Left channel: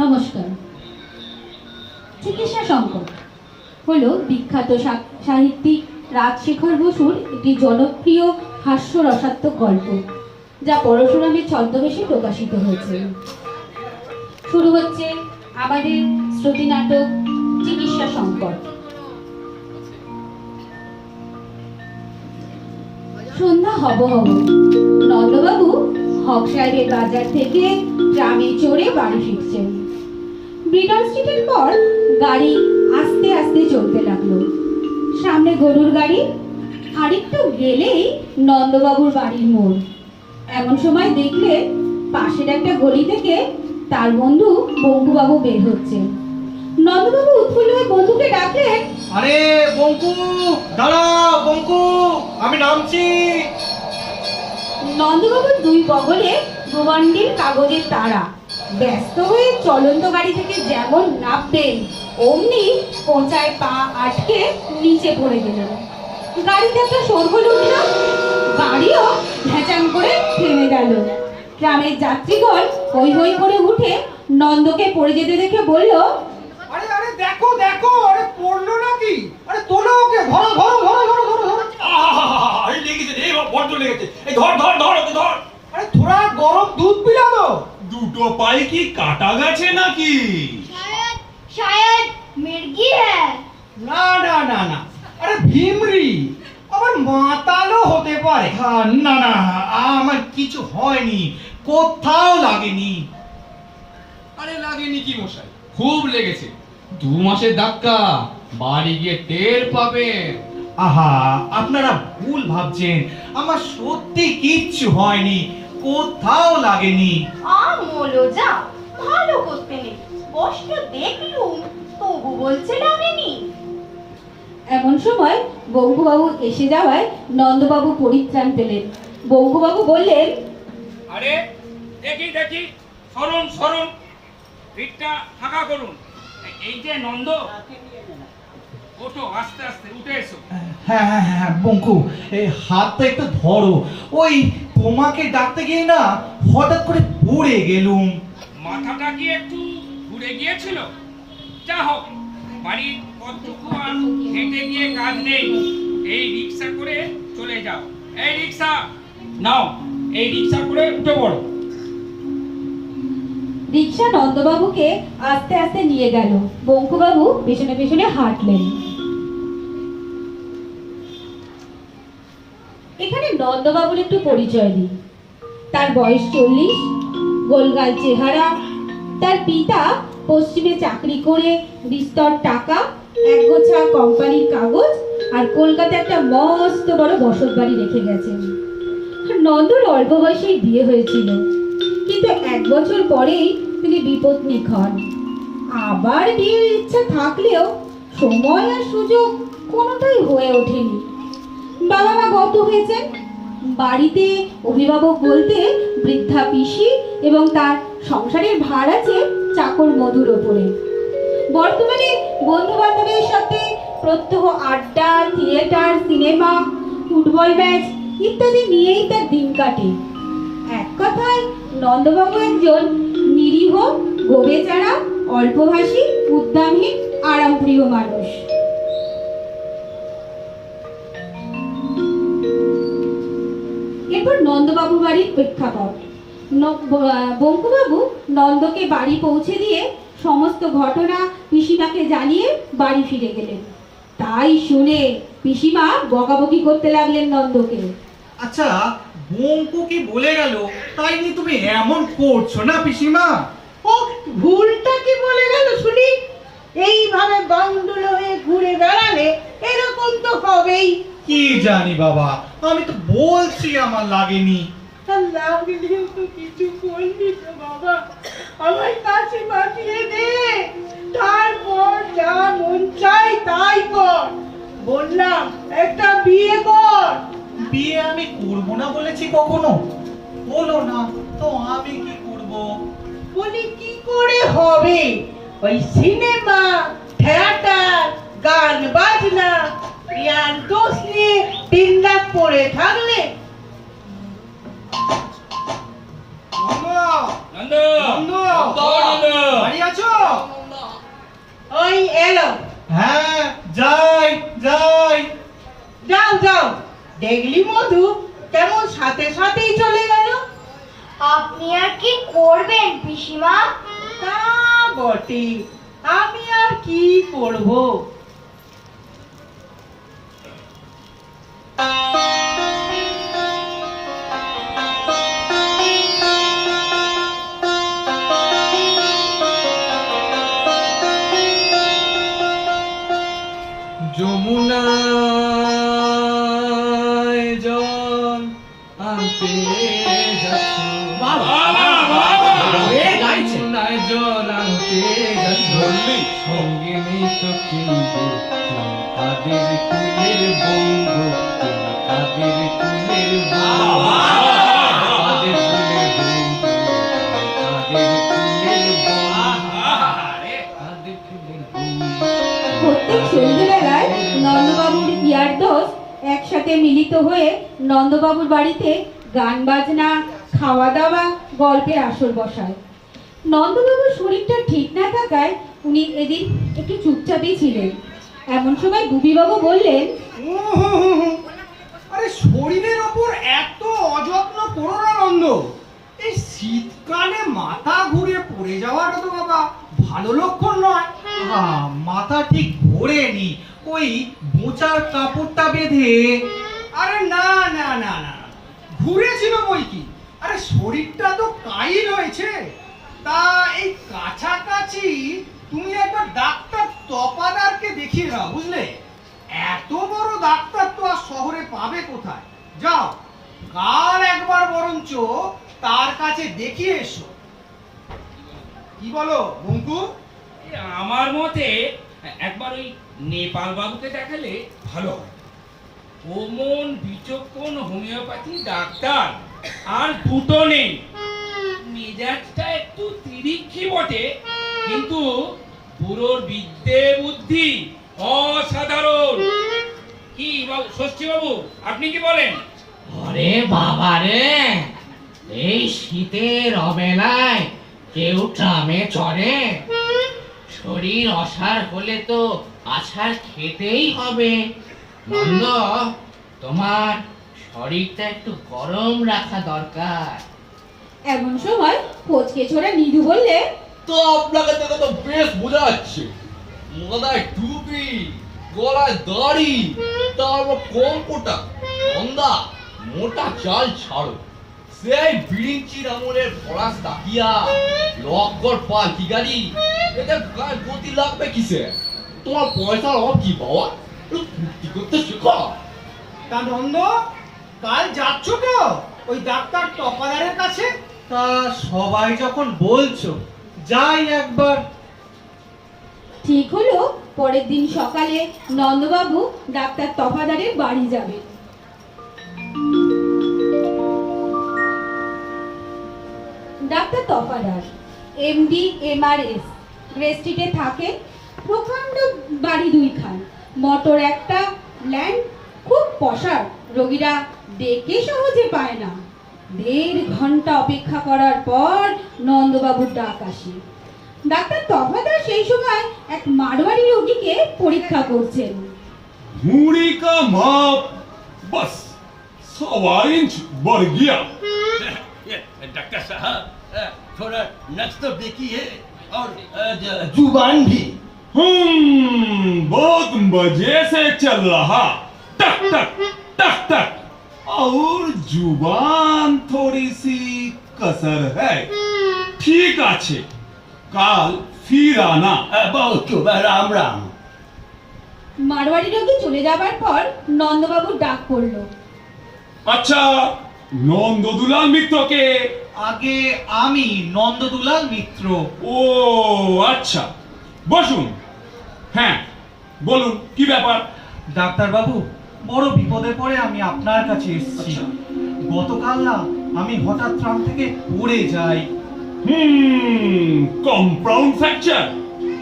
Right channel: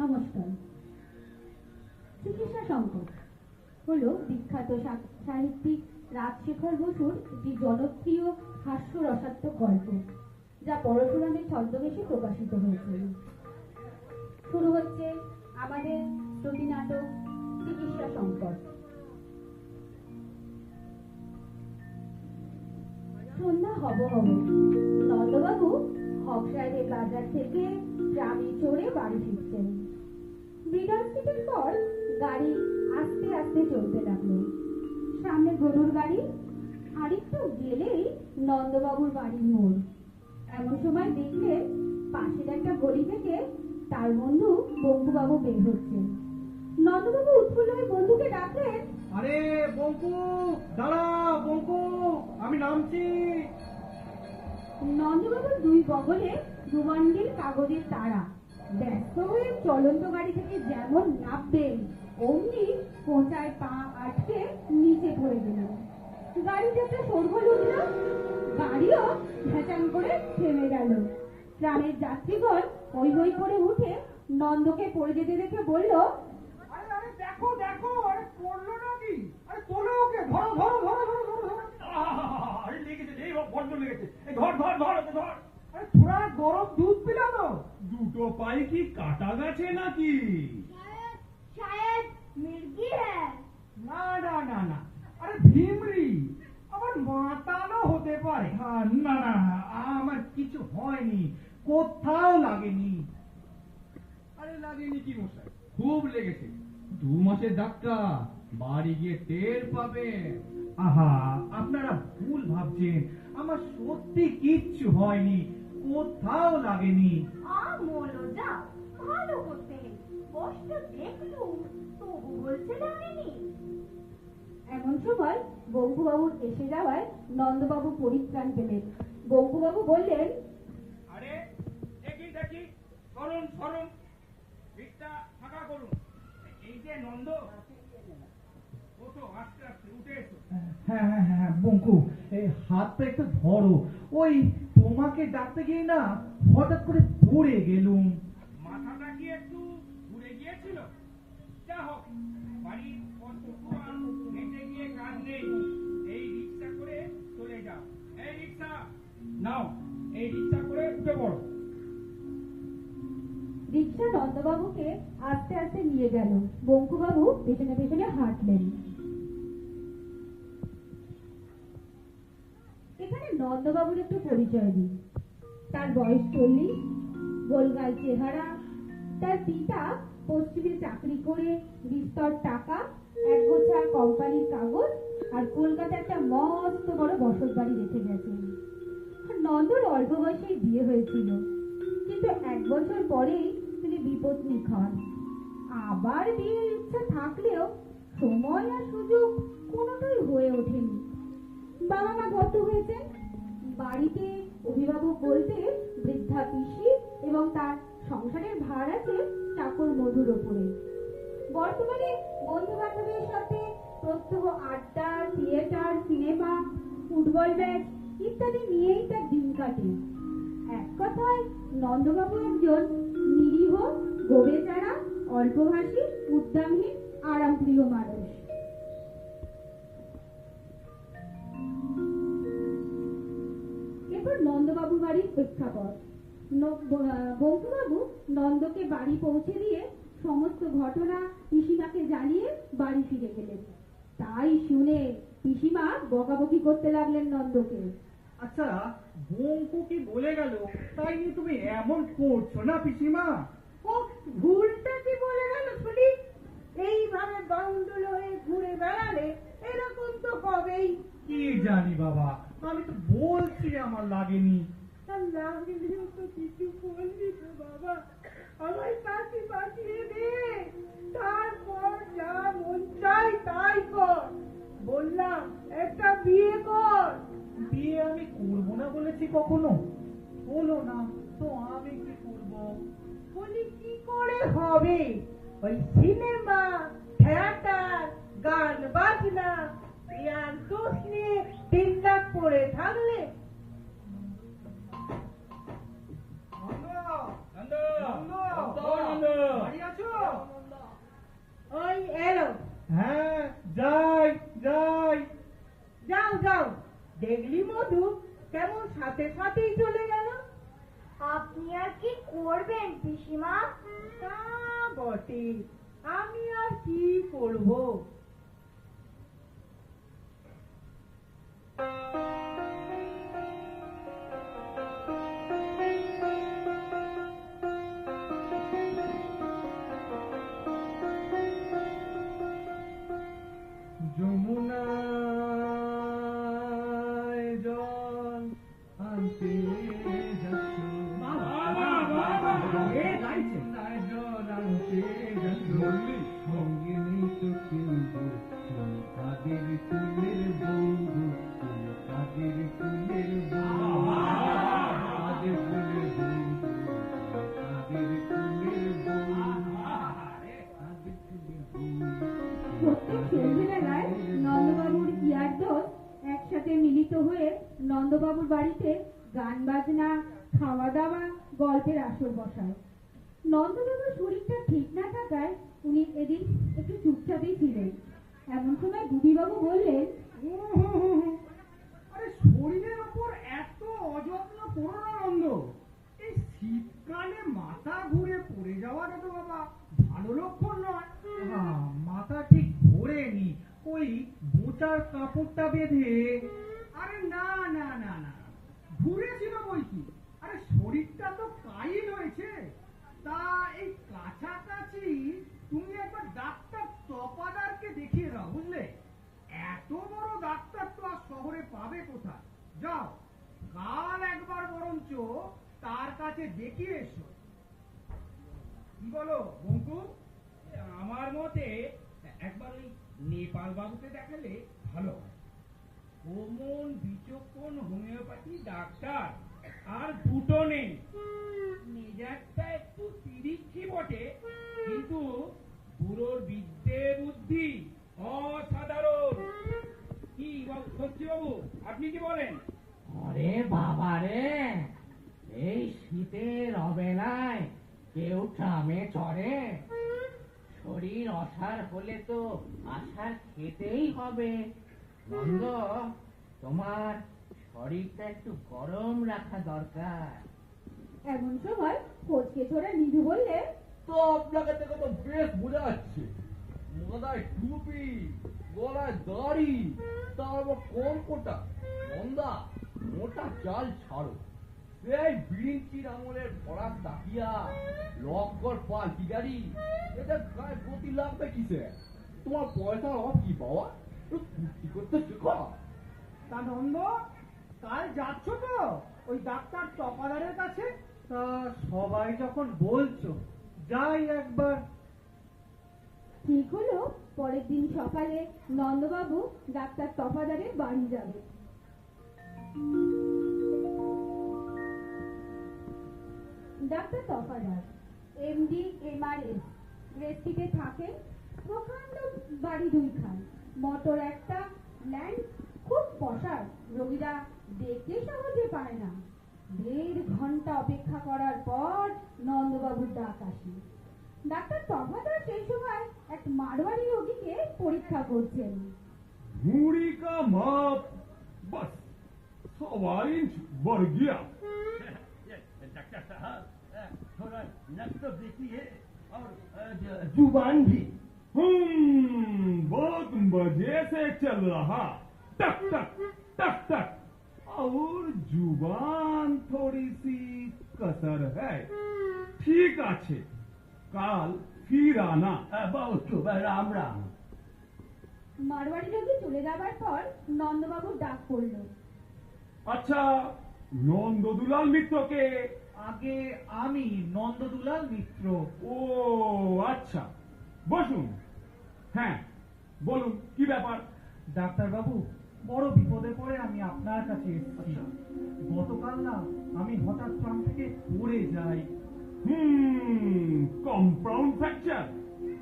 নমস্কার। চিকিৎসা সংকট হলো বিখ্যাত সাহিত্যিক রাজশেখর বসুর একটি জনপ্রিয় হাস্যরসাত্মক গল্প, যা পরশুরামের ছদ্মবেশে প্রকাশিত হয়েছে। শুরু হচ্ছে আমাদের শ্রুতি নাটক চিকিৎসা সংকট। সন্ধ্যা হব হব, নন্দবাবু হক সাহেবের বাজার থেকে ট্রামে চড়ে বাড়ি ফিরছেন। ব্রিটন স্ট্রিটের পর গাড়ি আস্তে আস্তে চলতে লাগলো। সামনে গরুর গাড়ি, আরেকটু গেলেই নন্দবাবুর বাড়ির মোড়। এমন সময় দেখলে পাশের একটা গলি থেকে তার বন্ধু বঙ্কুবাবু বের হচ্ছে। নন্দবাবু উৎফুল্ল হয়ে বন্ধুকে ডাকলেন, আরে বঙ্কু, দাঁড়াও বঙ্কু, আমি নামছি। নন্দবাবুর দুই বগলে দুবান্ডিল কাগজের তারা। ব্যস্ত হয়ে চলন্ত গাড়ি থেকে যেমন নামবেন, অমনি পৌঁছায় পা আটকে নিচে পড়ে গেলেন। গাড়িতে একটা শোরগোল উঠল, গাড়িও ভেঁচাং করে থেমে গেল। গ্রামের যাত্রীগণ হই হই করে উঠে নন্দকে পড়ে যেতে দেখে বলল, আরে আরে দেখো দেখো, আরে পড়লো নাকি? আরে তোলো ওকে, ধরো ধরো ধরো ধরো ধরো ধরো। আরে লেগেছে রে, বড্ড লেগেছে। এই ধর ধর ধর ওকে ধর। আরে থোড়া গরম দুধ পিলা তো। দুটো পায়ে কি কাটা গেছে নাকি? शायद शायद मिर्गी है। না না না না, আরে ভিমরি, আবার মাতালও হতে পারে। না না, আমার কিছু হয়নি, কোথাও লাগেনি। আরে লাগেনি কি মশাই, খুব লেগেছে। 2 মাসের ধাক্কা, বাড়ি গিয়ে টের পাবেন। আহা, আপনারা ভুল ভাবছেন, আমার সত্যি কিচ্ছু হয়নি, কোথাও লাগেনি। আমলো যা ভালো করতে নেই, স্পষ্ট দেখলুম তবু বলছে লাগেনি। এমন সময় বঙ্কুবাবু এসে যাওয়ায় নন্দবাবু পরিত্রাণ পেলেন। বঙ্কুবাবু বললেন, আরে দেখি দেখি, সরুন সরুন, পিঠটা ফাঁকা করুন। এই যে নন্দ, ওঠো আস্তে আস্তে, উঠে এসো। হ্যাঁ হ্যাঁ হ্যাঁ বঙ্কু, এই হাতটা একটু ধরো। ওই তোমাকে ডাকতে গিয়ে না হঠাৎ করে পড়ে গেলুম। মাথাটা কি একটু ঘুরে গিয়েছিল? যা হোক, বাড়ির কতটুকু আর হেঁটে গিয়ে কাজ নেই। এই রিক্সা করে চলে যাও। এই রিক্সা নাও, এই রিক্সা করে উঠে পড়ো। রিক্সা নন্দবাবুকে আস্তে আস্তে নিয়ে গেল। বঙ্কুবাবু পেছনে পেছনে হাঁটলেন। এখানে নন্দবাবুর একটু পরিচয় দিই। তার বয়স 40, গোলগাল চেহারা। তার পিতা পশ্চিমে চাকরি করে বিস্তর টাকা, একগোছা কোম্পানির কাগজ আর কলকাতায় একটা মস্ত বড় বসত বাড়ি রেখে গেছেন। নন্দর অল্প বয়সেই বিয়ে হয়েছিল, কিন্তু 1 বছর পরেই তিনি বিপত্নিক হন। আবার বিয়ের ইচ্ছা থাকলেও সময় আর সুযোগ কোনোটাই হয়ে ওঠেনি। বাবা মা গত হয়েছেন। বাড়িতে অভিভাবক বলতে বৃদ্ধা পিসি এবং তার সংসারের ভার আছে চাকর মধুর ওপরে। বর্তমানে বন্ধু বান্ধবের সাথে প্রত্যহ আড্ডা, থিয়েটার, সিনেমা, ফুটবল ম্যাচ ইত্যাদি নিয়েই তার দিন কাটে। এক কথায় নন্দবাবু একজন নিরীহ, গোবেচারা, অল্পভাষী, উদ্যমহীন, আরামপ্রিয় মানুষ। এরপর নন্দবাবুর বাড়ির প্রেক্ষাপট। বঙ্কুবাবু নন্দকে বাড়ি পৌঁছে দিয়ে সমস্ত ঘটনা পিসিমাকে জানিয়ে বাড়ি ফিরে গেলেন। তাই শুনে পিসিমা বকাবকি করতে লাগলেন নন্দকে। আচ্ছা, বঙ্কু কি বলে গেল তাই নিয়ে তুমি এমন করছো না পিসিমা? ও ভুলটা কি বলে গেল শুনি? এইভাবে বাউন্ডুল হয়ে ঘুরে বেড়ালে এরকম তো হবেই। কি জানি বাবা, আমি তো বলছি আমার লাগেনি। লাগলেও তো কিছু করলি তো বাবা, আমার কাছে পাঠিয়ে দে, তারপর যা মন চাই তাই কর। বললাম একটা বিয়ে কর। বিয়ে আমি করবো না বলেছি কখনো? বলো না তো আমি কি করব? বলি কি করে হবে? ওই সিনেমা, থিয়েটার, গান বাজনা, ইয়ার দোষ নিয়ে দিনরাত পড়ে থাকলে। নন্দ, নন্দ, নন্দ, নন্দ, নন্দ। বাড়ি আছো? এলো। হ্যাঁ, যাই যাই। যাও যাও, দেখলি মধু কেমন সাথে সাথেই চলে গেল। আপনি আর কি করবেন পিসিমা? তা বটে, আমি আর কি করব। যমুনায় জল আনতে যাচ্ছ, যমুনায় জল আনতে যাচ্ছ, সঙ্গে নেই তো কেউ গো, তুমি কাদের কুলের বঙ্গ, তুমি কাদের কুলের বঙ্গ, কাদের কুলের বঙ্গ, কাদের কুলের বঙ্গ, কাদের কুলের বঙ্গ। প্রত্যেক সন্ধ্যেবেলায় নন্দবাবুর ইয়ার দোষ একসাথে মিলিত হয়ে নন্দবাবুর বাড়িতে গান বাজনা, খাওয়া দাওয়া, গল্পের আসর বসায়। নন্দবাবুর শরীরটা ঠিক না থাকায় উনি এদিন একটু চুপচাপই ছিলেন। এমন সময় বুবিবাবু বললেন, আরে শরীরের ওপর এত অযত্ন করো না নন্দ। এই শীতকালে মাথা ঘুরে পড়ে যাওয়াটা তো বাবা ভালো লক্ষণ নয়। মাথা ঠিক ঘোরেনি, ওই মোচার কাপড়টা বেঁধে। আরে না না না না, ঘুরেছিল বই কি। আরে শরীরটা তো কাইল হয়েছে। তা এই কাছাকাছি তুমি একবার ডাক্তার তপাদারকে দেখিয়ে নাও, বুঝলে? এত বড় ডাক্তার তো আর শহরে পাবে কোথায়? যাও কাল একবার বরঞ্চ তার কাছে দেখিয়ে এসো। কি বলো বঙ্কু? আমার মতে একবার ওই নেপাল বাবুকে দেখালে ভালো হয়। ওমন বিচক্ষণ হোমিওপ্যাথি ডাক্তার আর দুটো নেই। মেজাজটা একটু তিরিক্ষি বটে, কিন্তু বুড়োর বিদ্যে বুদ্ধি অসাধারণ। কি বাবু, ষষ্ঠী বাবু, আপনি কি বলেন? ওরে বাবা রে, এই শীতের অবেলায় কেউ ট্রামে চড়ে? শরীর অসাড় হলে তো আছাড় খেতেই হবে। নন্দ, তোমার শরীরটা একটু গরম রাখা দরকার। এমন সময় কোচকে ছোড়া নিধু বললে, তো আপনাকে দেখে তো বেশ বোঝা যাচ্ছে, মাথায় টুপি, গলায় দাড়ি, তারপর কম্পটা গন্ধা, মোটা চাল ছাড়ো। সেই বিড়িঞ্চির আমলের ফরাস তাকিয়া, লক্কর পাল কি গাড়ি, এদের গায়ে গতি লাগবে কিসে? তোমার পয়সার অভাব কি বাবা? একটু ফুর্তি করতে শেখো। তা নন্দ, কাল যাচ্ছ তো ওই ডাক্তার তপাদারের কাছে? তা সবাই যখন বলছো, যাই একবার। ঠিক হলো পরের দিন সকালে নন্দবাবু ডাক্তার তফাদারের বাড়ি যাবেন। Doctor Tafadar MD Mrs, grey স্ট্রিটে থাকে। প্রকাণ্ড বাড়ি দুইখান, মোটর একটা, ল্যান্ড খুব পসার। রোগীরা ডেকে সহজে পায় না। 1.5 ঘন্টা অপেক্ষা করার পর নন্দবাবুর ডাক আসে। ডাক্তার তফাদার সেই সময় এক মারোয়ারি রোগীকে পরীক্ষা করছেন। मूड़ी का माप बस 1.25 इंच बढ़ गया। डॉक्टर साहब, थोड़ा नक्श तो देखिए और जुबान भी। बहुत मजे से चल रहा, टक टक टक टक, और जुबान थोड़ी सी कसर है। ठीक आछे, काल फिर आना। बहुत शुभ, राम राम। মারোয়ারি রোগী চলে যাবার পর নন্দবাবুর ডাক পড়লো। अच्छा, নন্দদুলাল মিত্রকে? আগে আমি নন্দদুলাল মিত্র। ও আচ্ছা, বসুন। হ্যাঁ বলুন, কি ব্যাপার? ডাক্তার বাবু, বড় বিপদে পড়ে আমি আপনার কাছে এসেছি। গতকাল না আমি হঠাৎ ট্রাম থেকে পড়ে যাই। Compound fracture?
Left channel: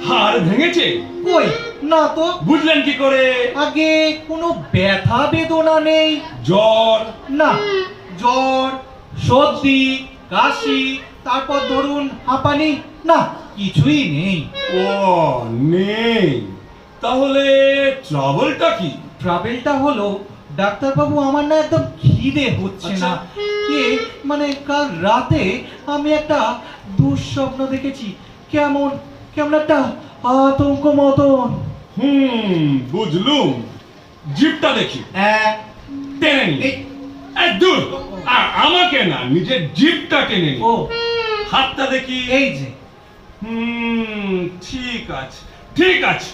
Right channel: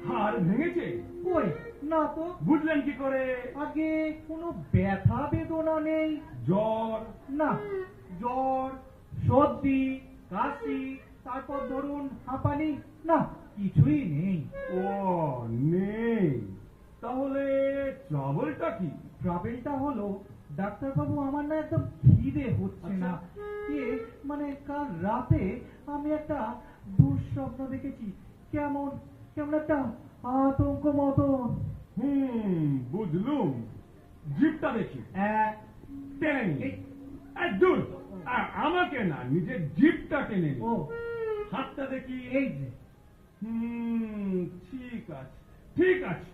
হাড় ভেঙেছে? কই না তো। বুঝলেন কি করে? আগে কোনো ব্যথা বেদনা নেই। জ্বর? না, জ্বর, সর্দি, কাশি, তারপর ধরুন হাঁপানি, না কিছুই নেই। ও নেই। তাহলে ট্রাবলটা কি? ট্রাভেলটা হলো ডাক্তারবাবু, আমার না একদম খিদে হচ্ছে আচ্ছা। না। মানে কাল রাতে আমি একটা দুঃস্বপ্ন দেখেছি, কেমন কেমন একটা আতঙ্ক মতন। বুঝলুম। জিপটা দেখি। টেনে নি। দূর, আমাকে না, নিজের জিপটা টেনে নি। ও হাতটা দেখি। এই যে। ঠিক আছে, ঠিক আছে।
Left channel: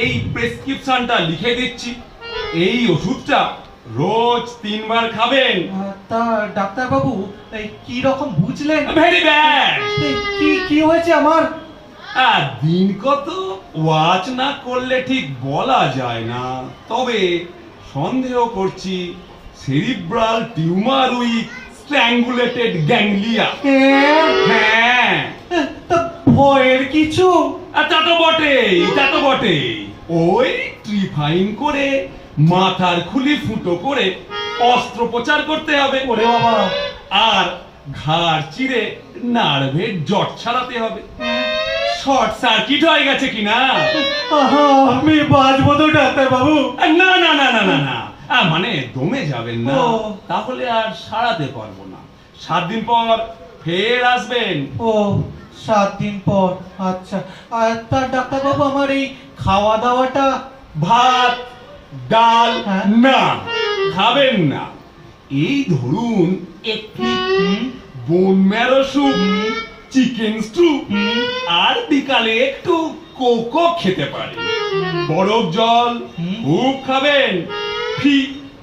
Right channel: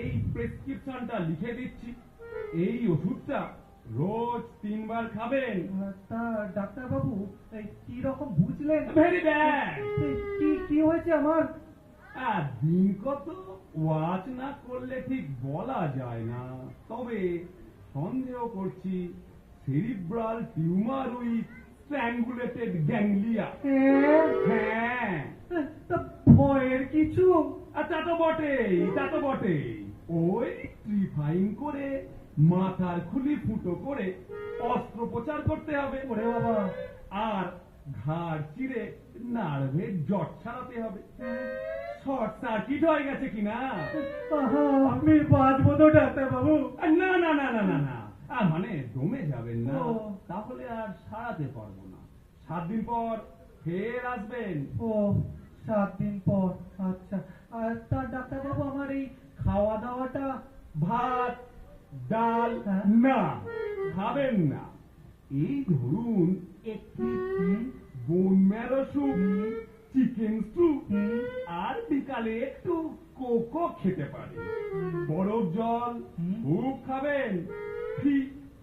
এই প্রেসক্রিপশনটা লিখে দিচ্ছি। এই ওষুধটা রোজ 3 বার খাবেন। তা ডাক্তারবাবু, এই কি রকম বুঝলেন? Very bad. কি কি হয়েছে আমার? দিন কত ওয়াচ না করলে ঠিক বলা যায় না, তবে সন্দেহ করছি সেরিব্রাল টিউমার উইথ স্ট্র্যাঙ্গুলেটেড গ্যাংলিয়া। হ্যাঁ, তা ভয়ের কিছু? তা তো বটেই, তা তো বটেই। ওই ট্রিফাইন করে মাথার খুলি ফুটো করে অস্ত্রোপচার করতে হবে। ওরে বাবা। আর ঘাড় চিরে নার্ভের জট ছাড়াতে হবে। শর্ট সার্কিট হয়ে গেছে কিনা? আমি বাঁচবো তো ডাক্তারবাবু? না না না না না না, মানে দমে যাবেন না, ও। তাহলে আর সারাতে পারবো না। 7 দিন পর ফের আসবেন। ও 7 দিন পর, আচ্ছা। আর তা ডাক্তারবাবু, আমার এই খাওয়া দাওয়াটা? ভাত ডাল হ্যাঁ। না খাবেন না। এই ধরুন একটি bone marrow soup, chicken stew, আর বিকালে একটু কোকো খেতে পারেন। বরফ জল খুব খাবেন। ফি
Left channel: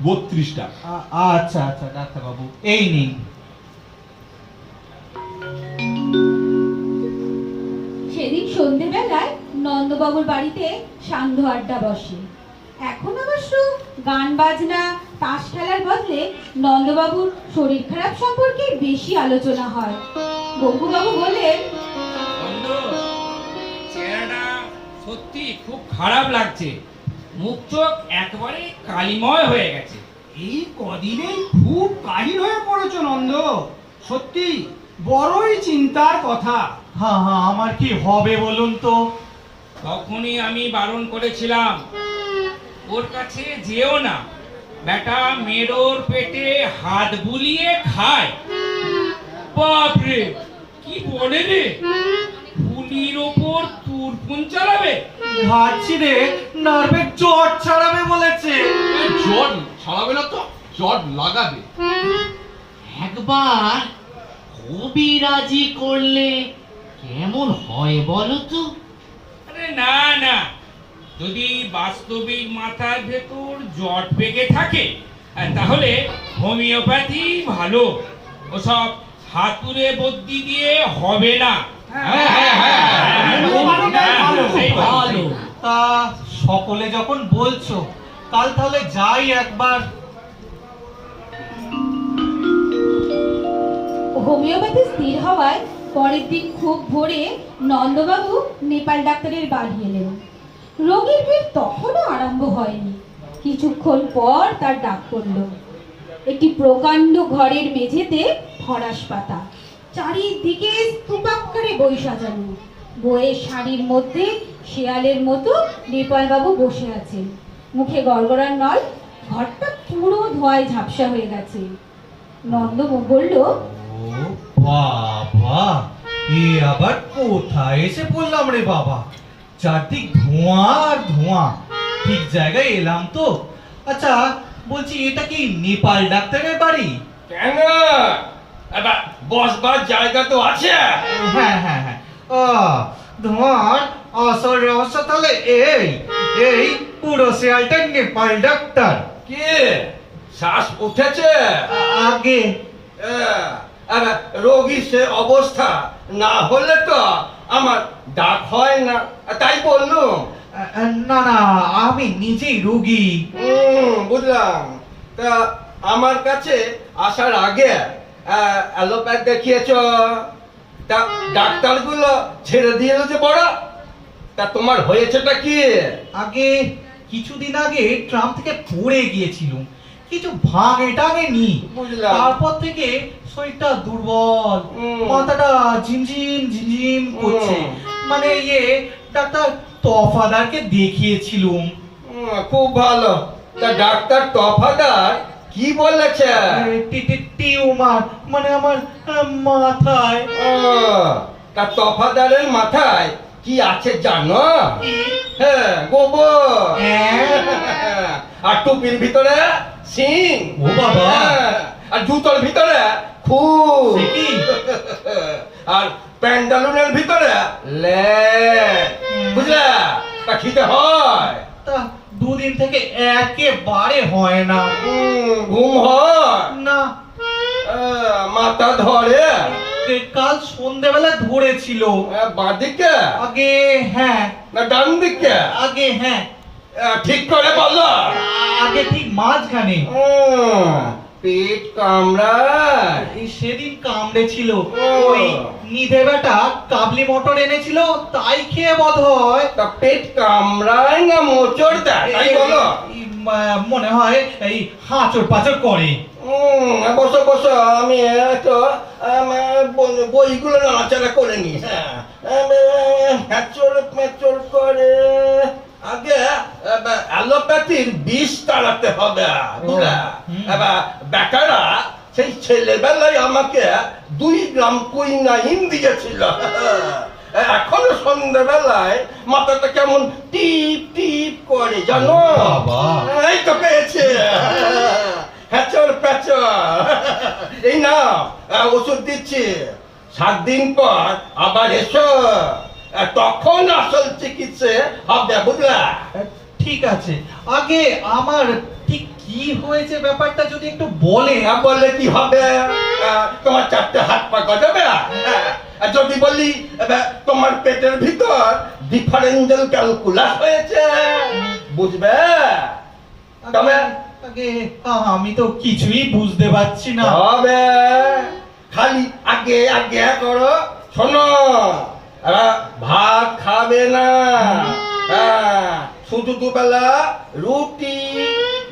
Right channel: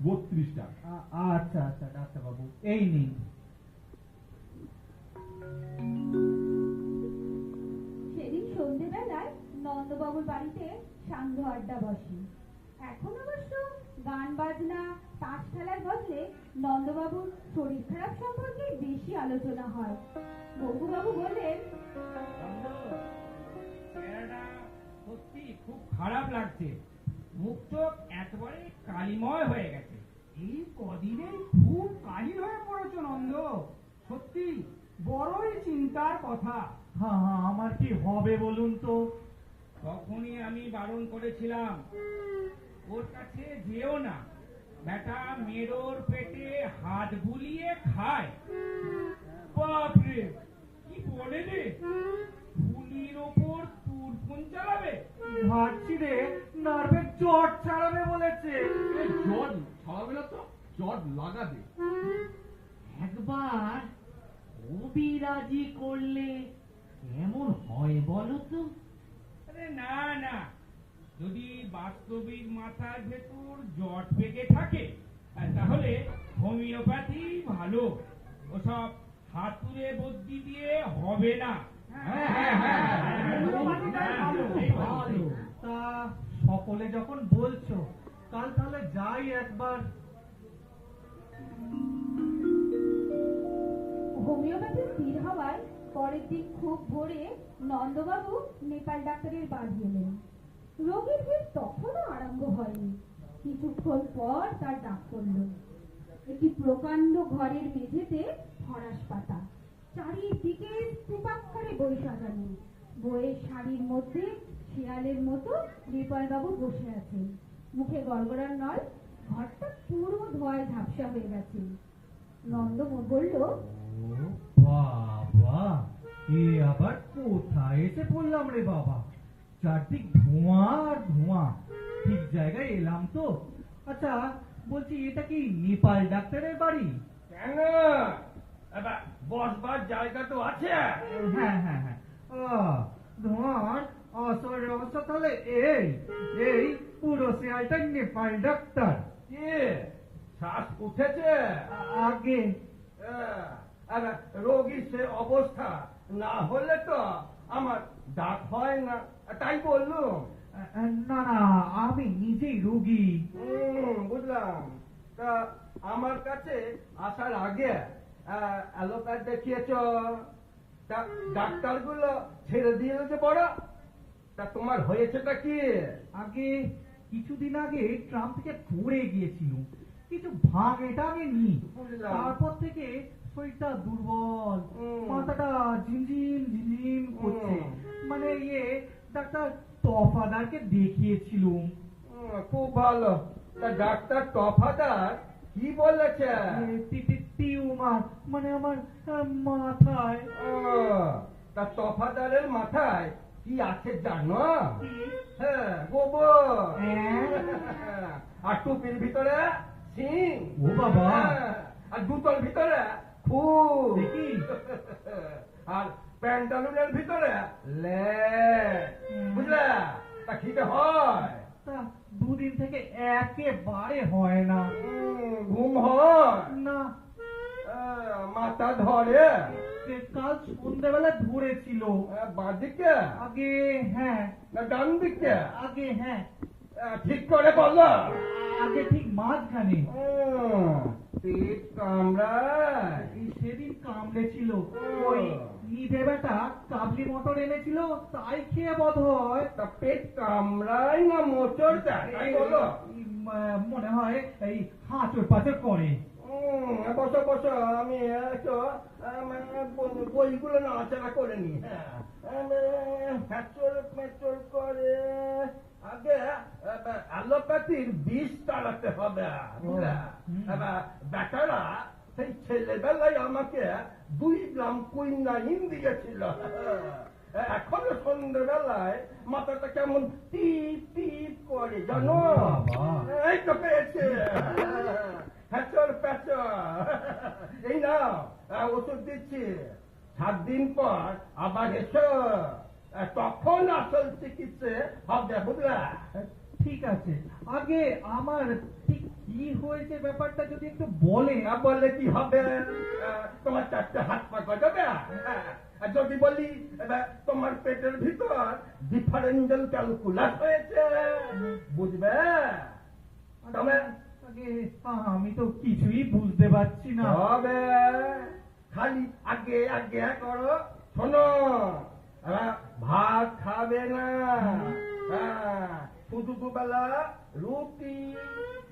32 টাকা। আচ্ছা আচ্ছা ডাক্তারবাবু, এই নিন। সেদিন সন্ধেবেলায় নন্দবাবুর বাড়িতে সান্ধ্য আড্ডা বসে। এখন অবশ্য গান বাজনা তাস খেলার বদলে নন্দবাবুর শরীর খারাপ সম্পর্কে বেশি আলোচনা হয়। বঙ্কুবাবু বললেন, বন্ধু, চেহারাটা সত্যি খুব খারাপ লাগছে। মুখ চোখ একেবারে কালিময় হয়ে গেছে। এই কদিনেই খুব কাহিল হয়ে পড়েছো নন্দ, সত্যি বড়ই চিন্তার কথা। হ্যাঁ হ্যাঁ, আমার কি হবে বলুন তো? তখনই আমি বারণ করেছিলাম, ওর কাছে যেও না। বেটা মেরোর পেটে হাত বুলিয়ে খায়। বাপরে, কি বলে রে, ফুলির ওপর তুরপুন চালাবে। ঘাট ছিঁড়ে নার্ভের জট ছাড়াবে বলেছে। জট ছাড়াবে না তো, জট লাগাবে। একবার কবিরাজি করলে কেমন হয় বলো তো? আরে না না, যদি বাস্তবিক মাথার ভেতর জট পেকে থাকে তাহলে হোমিওপ্যাথি ভালো। ওসব হাতুড়ে বদ্যি দিয়ে হবে না। ভালো। তা সকলে যখন বলছো, কাল তাহলে যাই একবার। হোমিওপ্যাথি স্থির হওয়ায় পরের দিন খুব ভোরে নন্দবাবু নেপাল ডাক্তারের বাড়ি এলেন। রোগীর ভিড় তখনও আরম্ভ হয়নি। কিছুক্ষণ পর তার ডাক পড়ল। একটি প্রকাণ্ড ঘরের মেঝেতে ফরাস পাতা, চারিদিকে স্তূপাকারে বই সাজানো। বইয়ের শাড়ির মধ্যে শেয়ালের মতো নেপালবাবু বসে আছেন, মুখে গড়গড়ার নল। ঘরটা পুরো ধোঁয়ায় ঝাপসা হয়ে গেছে। নন্দ বলল, ও বাবা, এ আবার কোথায় এসে পড়লাম রে বাবা? চারদিক ধোঁয়া আর ধোঁয়া। ঠিক জায়গায় এলাম তো? আচ্ছা বলছি, এটা কি নেপাল ডাক্তারের বাড়ি? কেন এবার বসবার জায়গা তো আছে? হ্যাঁ হ্যাঁ হ্যাঁ। ধোঁয়ার আসল রহস্য তাহলে এই এই পুরো শেয়ালটা নেপাল ডাক্তার। কি শ্বাস উঠেছে? আগে এবার রোগী সে অবস্থা না হলে তো আমার ডাক হয় না, তাই বললুম। না না, আমি নিজেই রোগী। বুঝলাম। তা আমার কাছে আসার আগে অ্যালোপ্যাথ দেখিয়েছ, তা ডাক্তারগুলো ছেড়ে দিয়েছে বড়। তা তোমার হয়েছেটা কি? আগে কিছুদিন আগে ট্রাম থেকে পড়ে গিয়েছিলাম, কিছু ভাঙে টাঙে নি। বুঝলাম। তারপর থেকে শরীরটা দুর্বল, মাথাটা ঝিমঝিম ঝিমঝিম করছে। মানে ডাক্তার তফাদারকে দেখিয়েছিলুম। খুব ভালো। তা ডাক্তার তফাদার কি বলেছে? টিউমার, মানে আমার মাথায়। তা তফাদারের মাথায় কি আছে জানো? হ্যাঁ, গোবর। আর টুপির ভিতরে সিং। ও বাবা। আর জুতোর ভিতরে খুব। সে কি? আর প্যান্টালুনের ভিতরে বুঝলা? তা খিদে হয়? তা দুদিন থেকে একেবারে হয় না। ঘুম হয় না। মাথা ধরে? কাল সন্ধ্যেবেলা ধরেছিল। বাঁদিকে? আগে হ্যাঁ। না ডান দিকে? আগে হ্যাঁ। ঠিক করে বলো। আগে ঠিক মাঝখানে। পেট কামড়ায়? সেদিন কামড়েছিল। ওই নিধে বেটা কাবলি মটর এনেছিল, তাই খেয়ে বোধ হয়। তা পেট কামড়ায় না মোচড় দেয় তাই বলো? মনে হয় এই হাঁচড় পাচড় করে। বসো বসো, আমি তো বইগুলো নাড়াচাড়া করে নি। হ্যাচড় করে আগে অ্যালোপ্যাথির বিষ তাড়াতে হবে, বুঝলা? এবার বেটারা সেই ছেলেবেলায় আমাকে 2 গ্রাম কুইনাইন দিয়েছিল। এখনো সন্ধ্যেবেলায় মাথাটা কেমন টিপ টিপ করে জানো? এই তো পেয়েছে। হ্যাচর প্যাচর। এই না ওষুধ দিচ্ছি, 7 দিন পর আবার এসো, তখন আসল চিকিৎসা হবে, বুঝলা? ঠিক আছে। আগে আমার ঠিক কি হয়েছে ব্যাপারটা যদি একটু বলে। বললে কি হবে? তোমার 4টে হাত পা গজাবে। আর যদি বলি তোমার পেটের ভিতর ডিফারেন্সিয়াল ক্যালকুলাস হয়েছে, বুঝবে? তবে আগে আমি তো কিছুই বুঝতে পারছি না। হবে, খালি আগে আগে করো। শোনো, ভাত খাবে না, শুধু দুবেলা রুটি,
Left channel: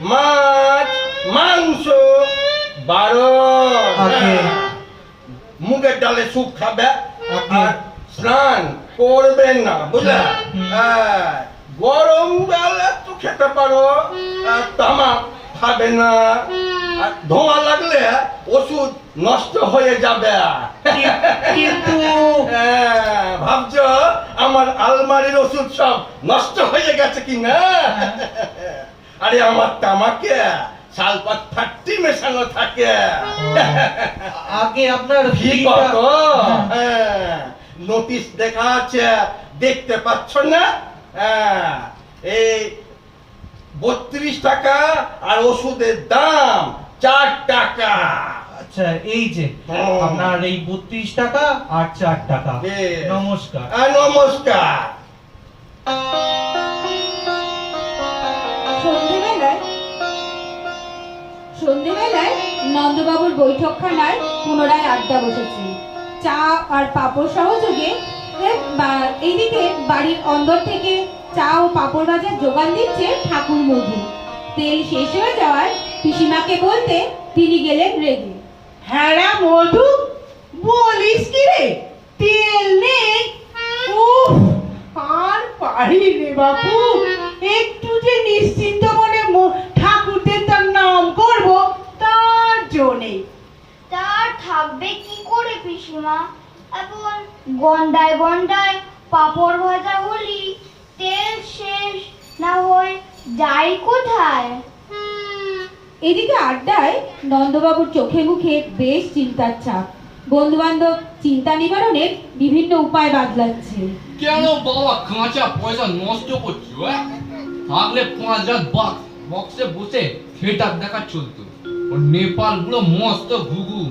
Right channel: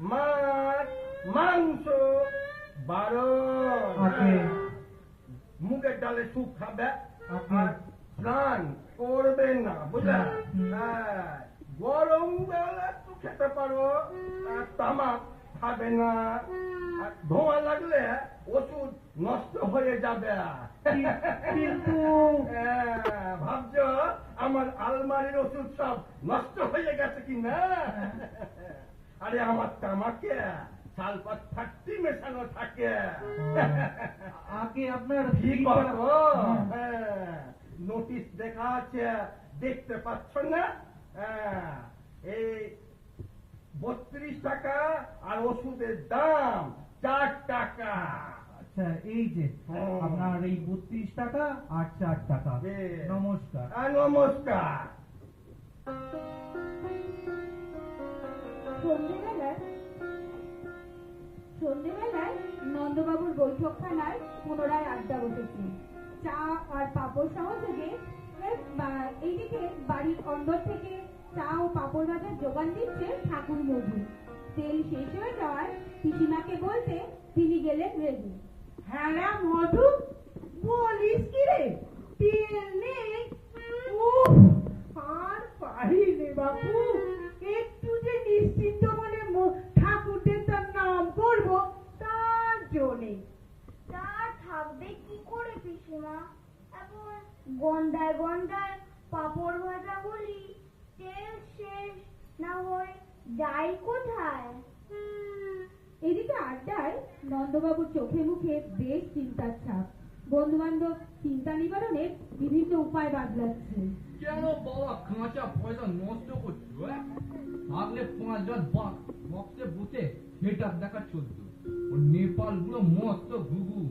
মাছ, মাংস, মুগের ডালে স্যুপ খাবে, আর স্নান করবেন না, বুঝলা? গরম বেলা তো খেতে পারো, তামাক খাবে না, আর ধোঁয়া লাগলে ওষুধ নষ্ট হয়ে যাবে। কিন্তু ভাবছো আমার আলমারির ওষুধ সব নষ্ট হয়ে গেছে কি না? আরে আমার তামাকে সালফার 30 মেশানো থাকে। আগে আপনার নোটিশ দেখা আছে, দেখতে পাচ্ছ না? এই 32 টাকা, আর ওষুধের দাম 4 টাকা। আচ্ছা, এই যে আপনার এই 32 টাকা আর 4 টাকা। নমস্কার। নমস্কার। সন্ধ্যেবেলায় নন্দবাবুর বৈঠকখানায় পুনরায় আড্ডা বসেছে। চা আর পাঁপড় সহযোগে এইদিকে বাড়ির অন্দর থেকে চা ও পাঁপড় ভাজার যোগান দিচ্ছে ঠাকুর মধু। তেল শেষ হয়ে যাওয়ায় পিসিমাকে বলতে তিনি গেলেন রেগে। হ্যাঁ রে মধু, বলিস কি রে, তেল নেই? আর পারি রে বাপু, একটু যে নিশ্চিন্ত মনে ঠাকুরদের তার নাম করব, তার জন্যে। তার থাকবে কি করে পিসিমা? এখন গন্ডায় গন্ডায় পাঁপড় ভাজা হলি তেল শেষ না হয় যাই কোথায়? এদিকে আড্ডায় নন্দবাবুর চোখে মুখে বেশ চিন্তার ছাপ। বন্ধু বান্ধব চিন্তা নিবারণের বিভিন্ন উপায় বাতলাচ্ছে। কেন বাবা কাঁচা পয়সা নষ্ট করছো? থাকলে 5,000 বক্সে বসে থিয়েটার দেখা চলতো। ও নেপাল গুলো মস্ত ঘুঘু,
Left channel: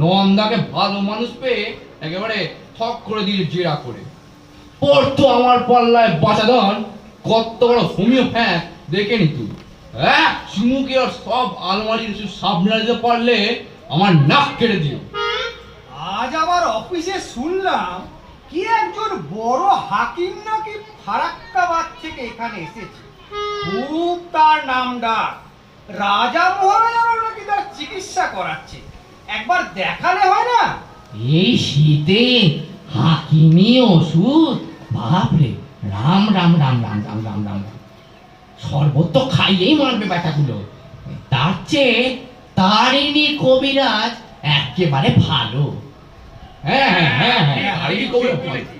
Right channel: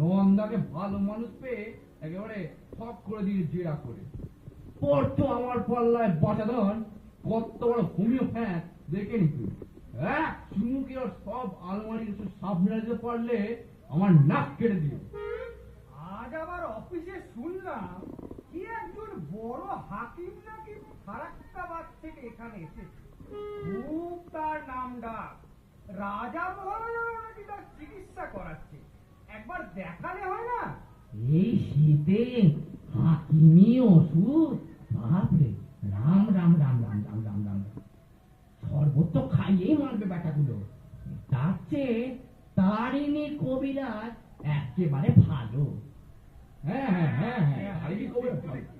নন্দাকে ভালো মানুষ পেয়ে একেবারে ঠক করে দিয়ে জেরা করে পড়তো আমার পাল্লায় বাঁচাদন। কত বড় হোমিওপ্যাথ দেখে নি তুই? চুমুকে আর সব আলমারির সামনে দিতে পারলে আমার নাক কেটে দিও। আজ আবার অফিসে শুনলাম কি একজন বড় হাকিম নাকি ফারাক্কাবাদ থেকে এখানে এসেছে। খুব তার নাম ডাক, রাজা মহারাজারও নাকি তার চিকিৎসা করাচ্ছে। একবার দেখালে হয় না? এই শীতে হাকিমি ওষুধ, বাপরে রাম রাম রাম রাম রাম রাম রাম রাম। শরবত তো খাইয়েই মারবে ব্যাটাগুলো, তার চেয়ে তারিণী কবিরাজ একেবারে ভালো। হ্যাঁ হ্যাঁ হ্যাঁ হ্যাঁ, তারিণী কবিরাজ ভালো।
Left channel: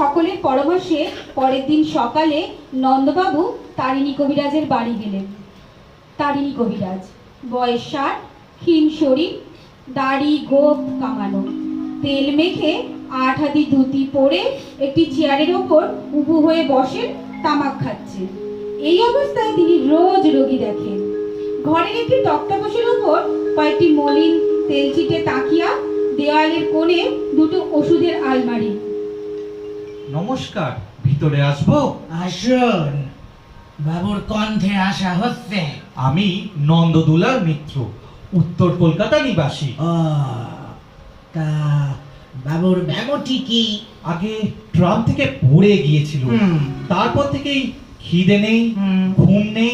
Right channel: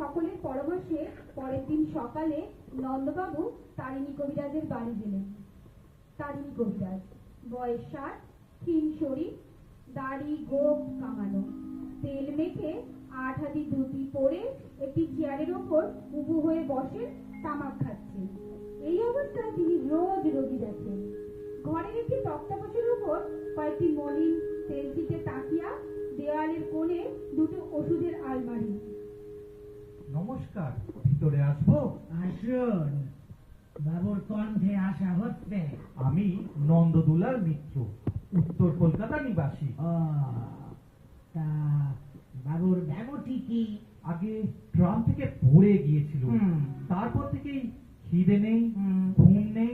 সকলের পরামর্শে পরের দিন সকালে নন্দবাবু তারিণী কবিরাজের বাড়ি গেলেন। তারিণী কবিরাজ, বয়স 60, ক্ষীণ শরীর, দাড়ি গোঁফ কামানো, তেল মেখে 8 হাতি ধুতি পরে একটি চেয়ারের ওপর উবু হয়ে বসেন, তামাক খাচ্ছেন। এই অবস্থায় তিনি রোজ রোগী দেখেন। ঘরের একটি তক্তাপোশের ওপর কয়েকটি মলিন তেলচিটে তাকিয়া, দেওয়ালের কোণে দুটো ওষুধের আলমারি। নমস্কার, ভিতরে আসবো? আসুন, বাবুর কণ্ঠে আশা হচ্ছে। আমি নন্দদুলার মিত্র, উত্তর কলকাতা নিবাসী। তা বাবুর ব্যামোটি কি? আগে ট্রাম থেকে পড়ে গিয়েছিল, তারপর থেকেই খিদে নেই, ঘুম নেই,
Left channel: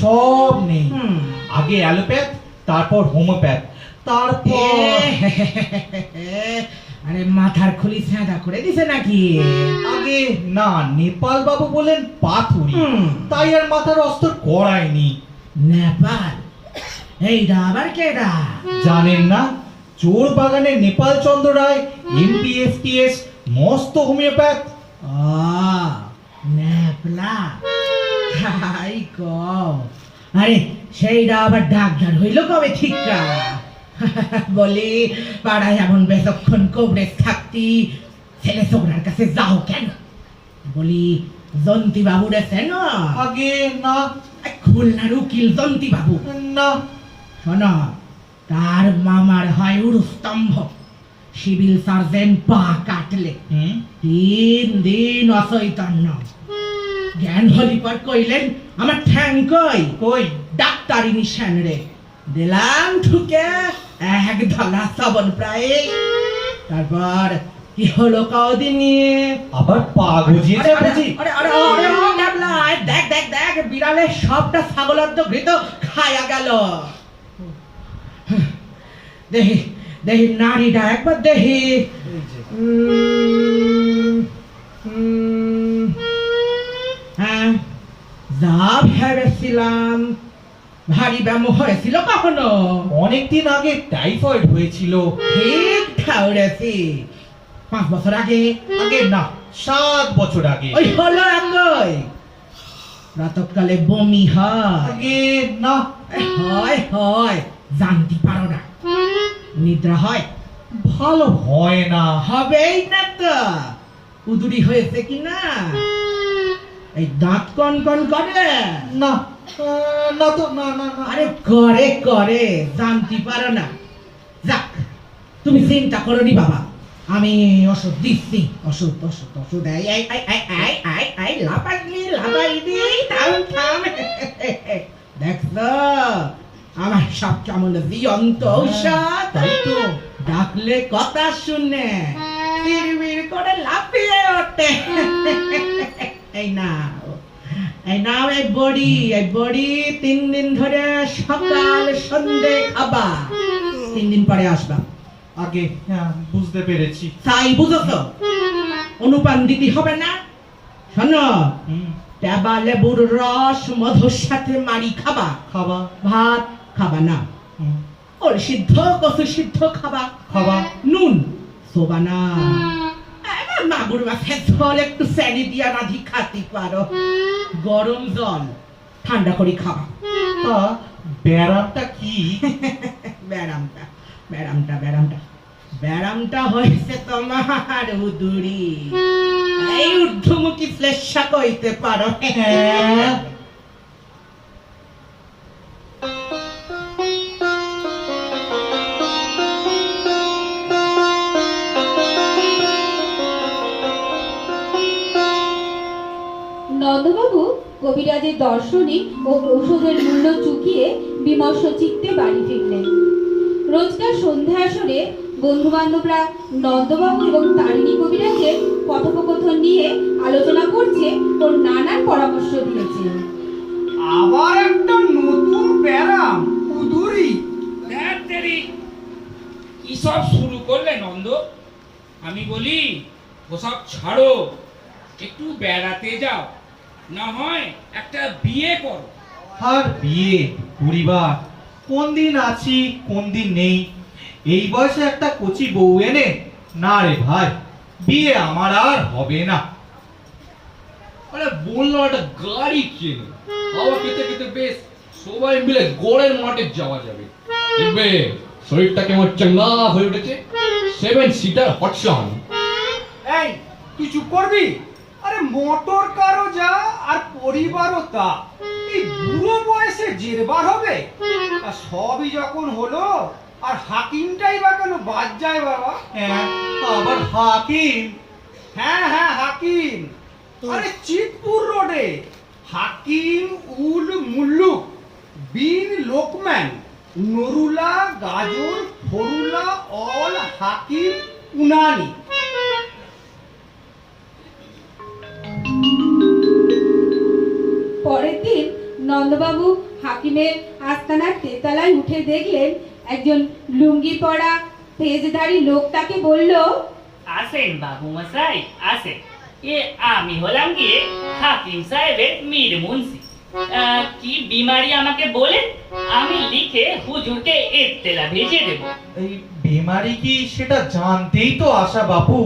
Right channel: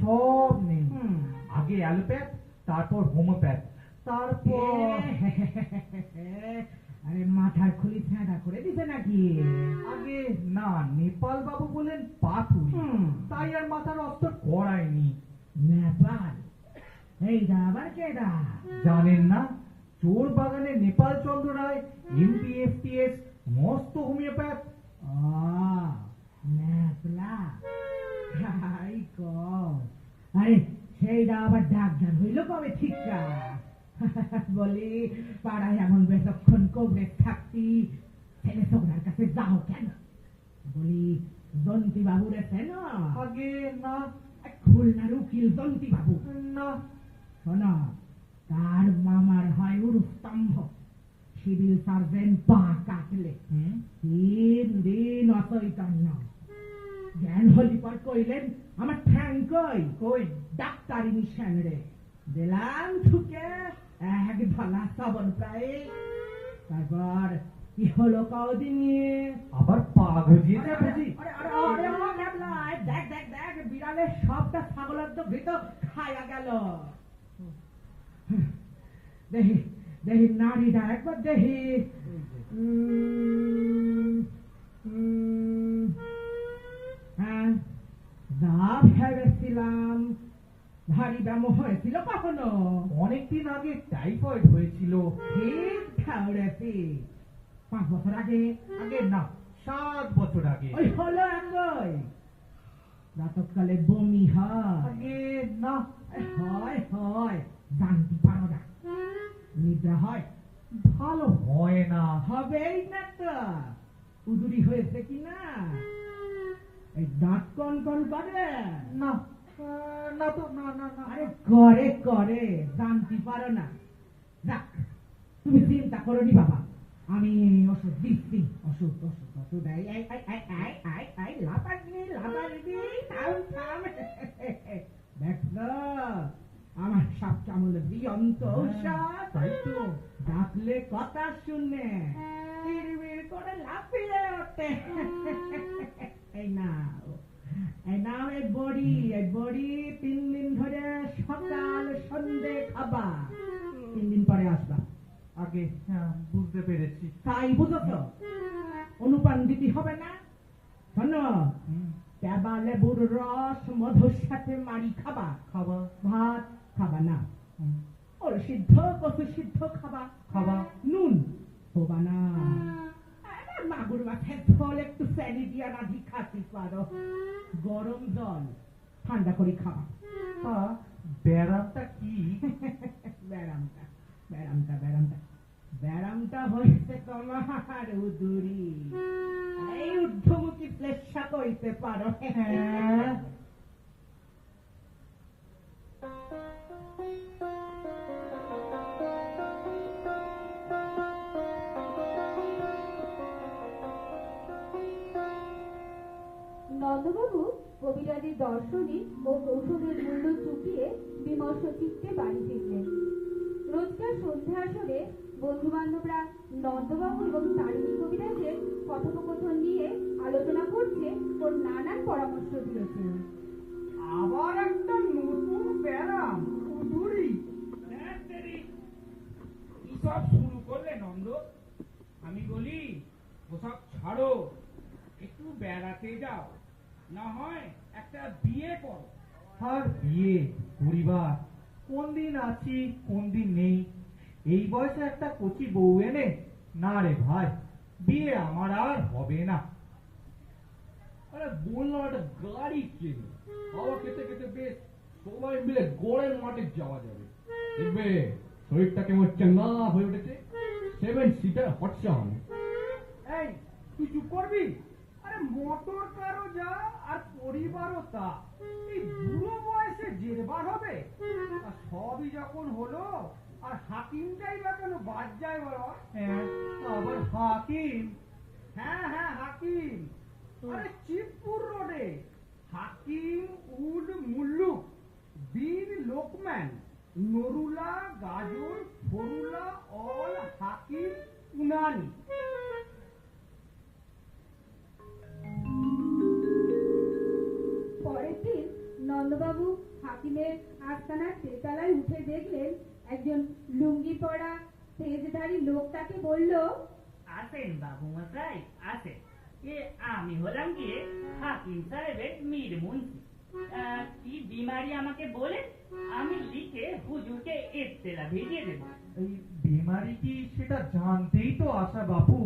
সব নেই। আগে অ্যালোপ্যাথ, তারপর হোমিওপ্যাথ, তারপর আরে মাথার খুলি সাদা করে দিছে নাকি? আগে না, নেপাল বাবু বলেন পাথুরি, তাই আর মাথার অস্ত্র করায়নি। নেপাল? এইটা আবার কেডা? জানেন না? চোর বাগানের নেপাল চন্দ্র রায়, এমপিএফটিএস, মস্ত হোমিওপ্যাথ। নেপলা? হাই কও, আরে সেইটা আবার ডাক্তার হইল কবে ঠিকা? বলি পাড়ায় এমন বেশক্ষণ কবরেজ থাকতি, ছেলে ছোকরার কাছে যাও কেন? বলি জন্তি বাবু রেছেন? আগে না। খুলনার উকিল জন্তি বাবু? না। শোন, তার মামার হয় উরুস্তম্ভ, সিভিল সার্জন পা কাটলে 3 দিন অচৈতন্য। জ্ঞান হলি পর কইলেন আমার ঠ্যাং কই? কই? ডাক্তারি নিশান রে দিলাম ঠুকে এক ধলা সাবন প্রায়। তারপর কি হলো কদিন নিয়ে? আবার পা গজিয়েছে বুঝি? আরে আরে আরে ও গাবলা, দেখ দেখ দেখ, বিড়ালে সবটা ছাগলের তো ঘৃত খায়া গেল। দেখি দেখি নারীটা একবার দেখি। হ্যাঁ, যা ভেবেছিলাম। ভারী ব্যায়াম হয়েছিল কখনো? অনেকদিন আগে টাইফয়েড হয়েছিল। ঠিক ঠাউরেছি। 5 বছর আগে? আগে না, 7 বছর আগে। ওই হলো একই। রাতকালে বমি হয়? আগে না। হয় হয়, জানতে পারো না। নিদ্রা হয়? ভালো হয় না। হবেই না তো। উদুরি হয়েছে কি না? এই দাঁত কন কন করে? না না তো, না না না। আরে করে করে, জানতে পারো না। যাক, তুমি চিন্তা করো নি বাবা, আমি ওষুধ দিচ্ছি। ওষুধ ওষুধ ওষুধ, আই আই আই আই আই আই আই লাপাইনি লাপাইনি, থাম থাম। দেখছো আমার সব কেমন জীবন্ত ঔষধ? তাই তো, ডাকলে কথা শুনে বিড়বিড় করে লাফিয়ে ওঠে। এই নাও, এই নাও, এই বড়ি 3 দিন ধরে সকাল সন্ধে খাবা। 3 দিন পরে আসবা। আগে বুঝতে পেরেছি। তাই বুঝছো? অনুপান দিতে হবে না। শোনো, টেবা লেবুর রস মধুর সাথে মারি খাবা। খাবা? ভাত খাবা না। ওর সিদ্ধ কচু সিদ্ধ খাবা। খাবা? নুন সোবা না। মাগুর মাছের ঝোল একটু স্যানি দিয়া রাধি খাতে পারো। গরম জল ঠান্ডা করে খাবা। তা ব্যারামটা কি? ব্যারামটা ব্যারামটা ব্যারামটা ব্যারামটা হয়েছে তোমার উদুরি। এই ঊর্ধ্বমুখী শ্লেষা কইতে পারো। হ্যাঁ। নন্দবাবু কবিরাজের দর্শনিক ও ঔষধের মূল্য চুকিয়ে বিমর্ষ চিত্তে বাড়ি ফিরলেন। রোজকার সন্ধ্যা আসরে বন্ধু বান্ধবরা নন্দবাবু এবং তারিণী কবিরাজের কথোপকথন নিয়ে আলোচনা করছে ও নানান পরামর্শ দিয়েছে। আবার একটা নতুন ব্যারাম, উদুরি। সব শুরু করলে নন্দ? আমি বলি ওসব ছাড়ো, একটু বেড়াতে যাও, না হয় একটা বিয়ে করো। আর বিয়ে পরিবার কোন দিন আছি কোন দিন নেই, এই বয়সে একটা কচি বউ এনে, না রে ভাই, বিয়ে আমার আর হবে না। আরে বললাম একটা গাড়ি কেন, হাওয়া খেতে খেতে বেশ সবাই মিলে গড়ের মাঠে যাওয়া যাবে। দেখবে শরীরটা কেমন চাঙ্গা হয়ে উঠেছে। 7 সিটার হটসন। এই তুই চুপ করবি? আরে মোটর কারও যা আর পরিবারও তা, এই বুড়ো বয়সে জেরবার হবে? আর সবই যখন হলো, আর হাকিমটাই বা কেন বাদ যায় বাবা? হ্যাঁ, আবার হাকিম? হ্যাঁ হ্যাঁ হাকিম, আরে চিতপুর রোডে হাকিম উল মুল্লুক বিন লোকম্যান নরুলা গাজর ফরুলা অল হাকিম উনানি। পরের দিন নন্দবাবু হাকিমের আস্তানার তেতলায় উঠে দেখলেন একজন লুঙ্গি পরা তেজধারী লোক তাকে বলল, আসেন বাবু মশাই আসেন, এ আমি হলাম গিয়ে হাকিম সাহেবের মীর মুন্সি। কি বিমারি আমাকে বলেন, আমি লিখে হুজুরকে ইত্তেলা ভেজে দেব। এই বেমারি কি সেটা জানতেই তো আসা বাপু।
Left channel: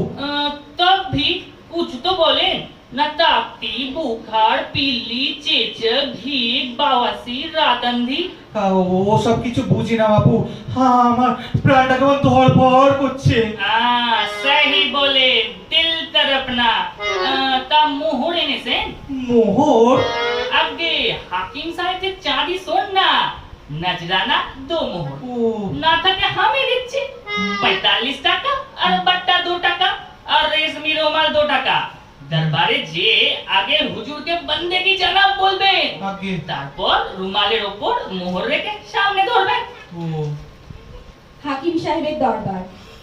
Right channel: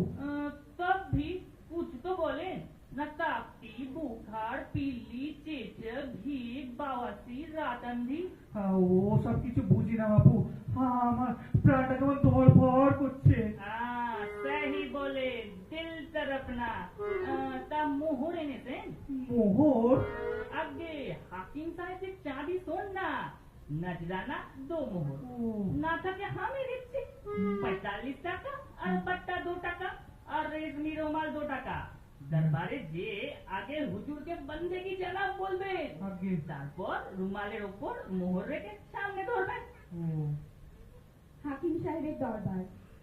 तब भी कुछ तो बोले ना, ताकती बुखार पिल्ली चेचक घीक बावासीर रातंधी। ও সব কিছু বুঝি না বাপু, হ্যাঁ আমার প্রাণটা কেমন ধড়ফড় করছে। सही बोले, दिल तरपना। ता मोहर एने से মোহর? आगे हाकिम साहब के चांदी सोना नजराना 2 मोहर ना था कि हमें दिच्छे 45 টাকা আর বাট্টা 2 টাকা আর রেশমি রুমাল 2 টাকা। দরবারে যে আগে হুজুরকে বন্দেগি জানাব বলবেন, তারপর রুমালের উপর মোহর রেখে সামনে ধরবেন। হাকিম সাহেবের দরবার,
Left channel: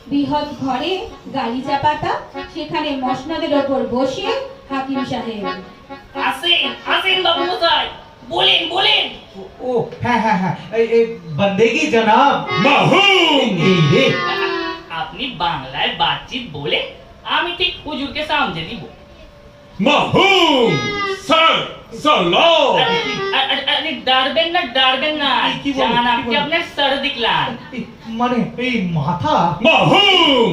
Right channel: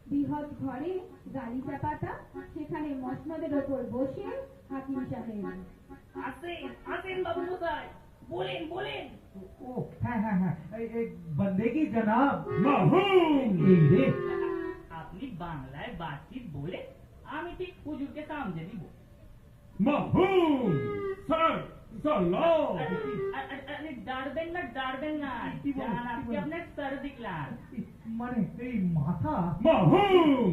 বৃহৎ ঘরে গালিচা পাতা, সেখানে মসনদের ওপর বসে হাকিম সাহেব। আসেন আসেন বাবু মশাই, বলেন বলেন। ও হ্যাঁ হ্যাঁ হ্যাঁ, এই বন্দেগি জনাব। মাহুম! এই রে, আপনি বাংলায় বাতচিত বলে আমি ঠিক হুজুরকে সামনে দিব। মাহুম! স্যার সালাম! আরে ডারবেন না, জান আপনি আপনার সর দিখলান। মানে এই মাথা? মাহুম!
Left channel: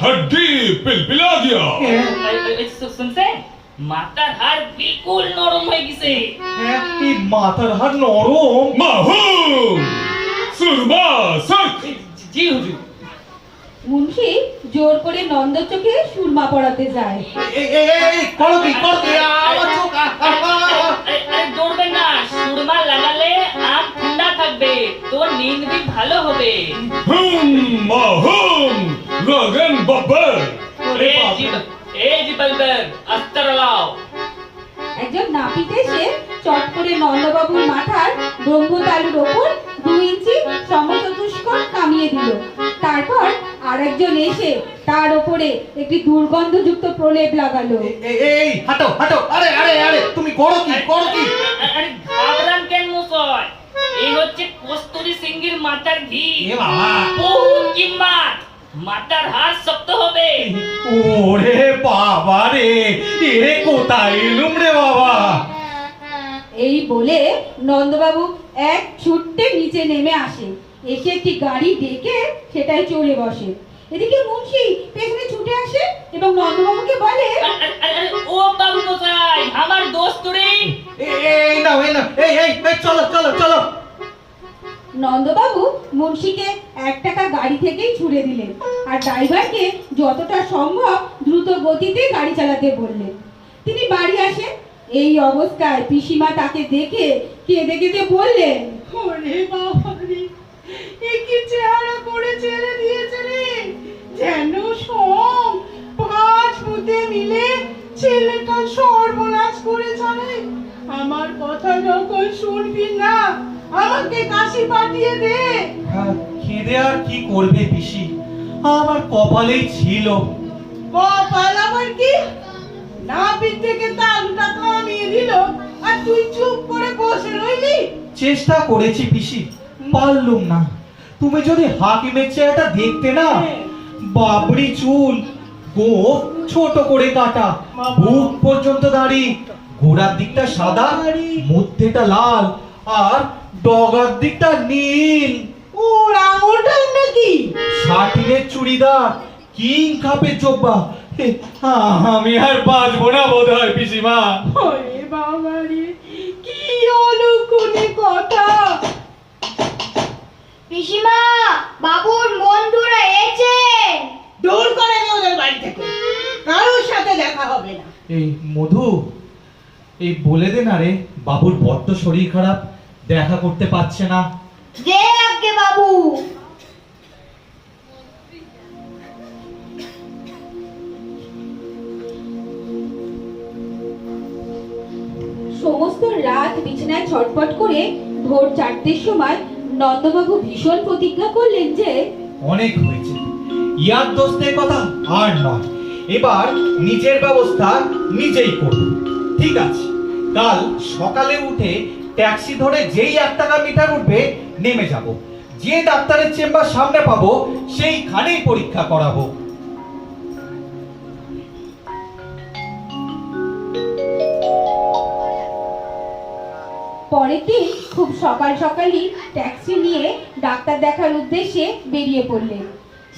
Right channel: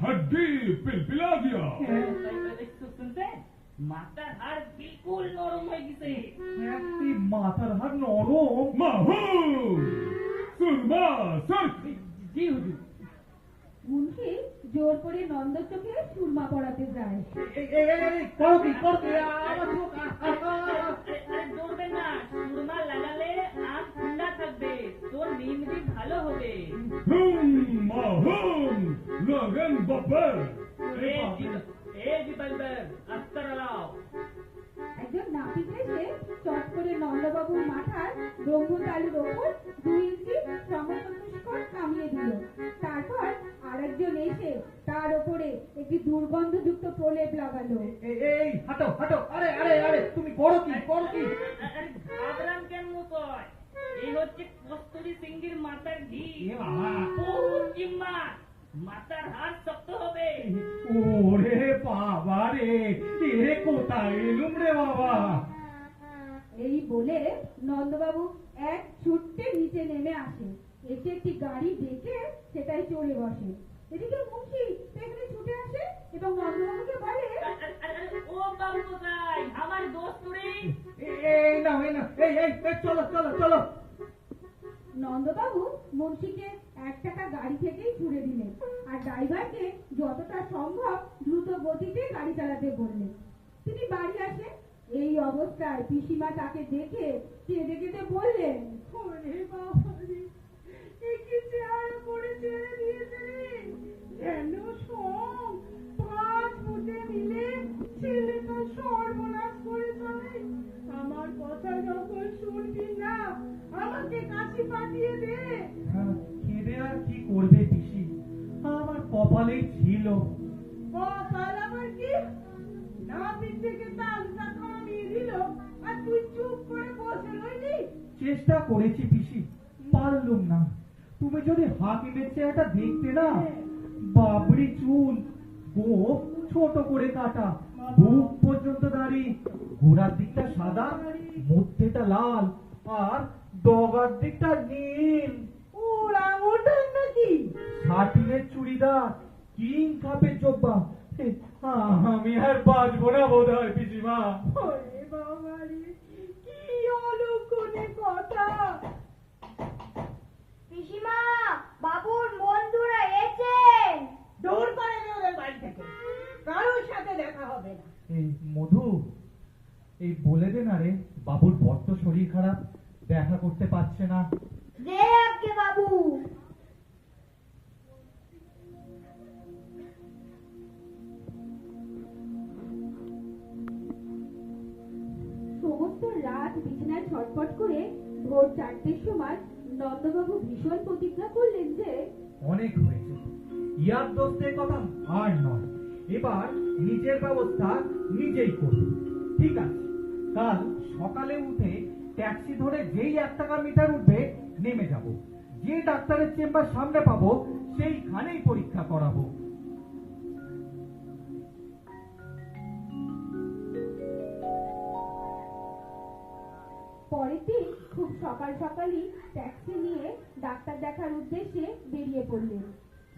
हड्डी पिलपिला गया। শুনছেন, মাথার হাড় বিলকুল নরম হয়ে গেছে। এই মাথার হাড় নরম? মাহুম! সুরমা সরক! জি হুজুর। মুন্সি জোর করে নন্দর চোখে সুরমা পড়াতে যায়। এই করো কি আমার চোখ? আরে দৌড়বেন না, সুরমা লাগালে আঁখ ঠান্ডা থাকবে, তো নিন্দ भी ভালো হবে। মাহুম! লগন বাবার! এই জি বলবেন, আস্তার লাও। একজন নাপিত এসে চট করে নন্দবাবুর মাথার ব্রহ্মতালুর ওপর 2 ইঞ্চি সমচতুষ্কোণ কামিয়ে দিল। তারপর আরেকজন এসে তার ওপরে একটি দুর্গন্ধযুক্ত প্রলেপ লাগালো। এই হাঁটো হাঁটো, আরে আরে আরে তুমি করো কি? আরে ঘাবড়ান কেন মশাই, এই হচ্ছে কস্তুরী সিংহের মাথার ঘি। এ বাবা, বহুত কিম্মত, মাথার হাড় শক্ত হবে। ওরে বাবা রে, এ কোথায় এলুম রে বাবা। এই বলে নন্দবাবু এক ছুট্টে নিচে নেমে আসে, এসে একটি গাড়ি ডেকে সেটাই চড়ে বসে। এদিকে মুন্সি পেছনে ছুটে আসে এবং নন্দবাবুকে বলে, ও বাবু মশাই, আমার দোস্ত রে। এই নাও এই চলো চলো চলো। নন্দবাবু মুন্সিকে 1 টাকা গাড়ি থেকেই ছুড়ে দিলেন আর ড্রাইভারকে যতটা সম্ভব দ্রুত গতিতে গাড়ি চালাতে বললেন। তিনি বাড়ি আসেন। এই অবস্থায় পিসিমা তাকে দেখে কেঁদে কেঁদে বললেন, ওরে বাবা রে, এ কি চেহারা করে ছেড়ে দিয়েছে রে, যেন সব 5 ভূতে মিলে ছেলেটা সর্বনাশ করে চলে। আমার কথা যখন শুনবি না, আমাকে কাশি পাঠিয়ে দে। কেঁদে আর কি করবে পিসি, আমার কপালেই ছিল। কপাল আবার কি? নাভির থেকে তালুটা কামিয়ে দিল আর তুই চুপ করে বসে রইলি। চেষ্টা করেছি পিসি, পারলুম না। তুমি যদি হাকিমের চেহারাটা দেখতে না, বাবরি চুল, গোঁফ ছোট করে কাটা, বুক পর্যন্ত দাড়ি, গোড়ার দিকটা সাদা, মধ্যেটা লাল, আর ডগার দিকটা নীল। ওরাং-ওটাং নাকি? শাটিনের চুড়িদার, কিং খাপের জব্বা। আমি আর বাঁচবো না বোধ হয় পিসিমা। ওরে বাবা রে, কি অলক্ষণে কথা! পিসিমা, বাবুর বন্ধুরা এসে। দূর করে দে ওদের বাড়ি থেকে, কারোর সাথে দেখা হবে না। এই মধু, এই বলে দে না রে, বাবুর বড্ড শরীর খারাপ, দেখা করতে পারছে না। যে আগে বাবু। সমস্ত রাত বিছানায় ছটফট করে ভোর 4টের সময় নন্দবাবু ভীষণ প্রতিজ্ঞা করলেন যে অনেক হয়েছে, ইয়ার দোস্তের কথা আর নয়, এবার নিজের ব্যবস্থা নিজেই করব। ঠিক আছে, কাল সকালে উঠে ট্যাক্সি ধরে যেই 1 টাকা মিটার উঠবে নেমে যাব, যে ডাক্তারের চেম্বার সামনে পাবো সেইখানেই পরীক্ষা করাবো। পরের দিন খুব সকাল সকালই ট্যাক্সি নিয়ে ডাক্তার দেখার উদ্দেশ্যে বেরিয়ে পড়লেন।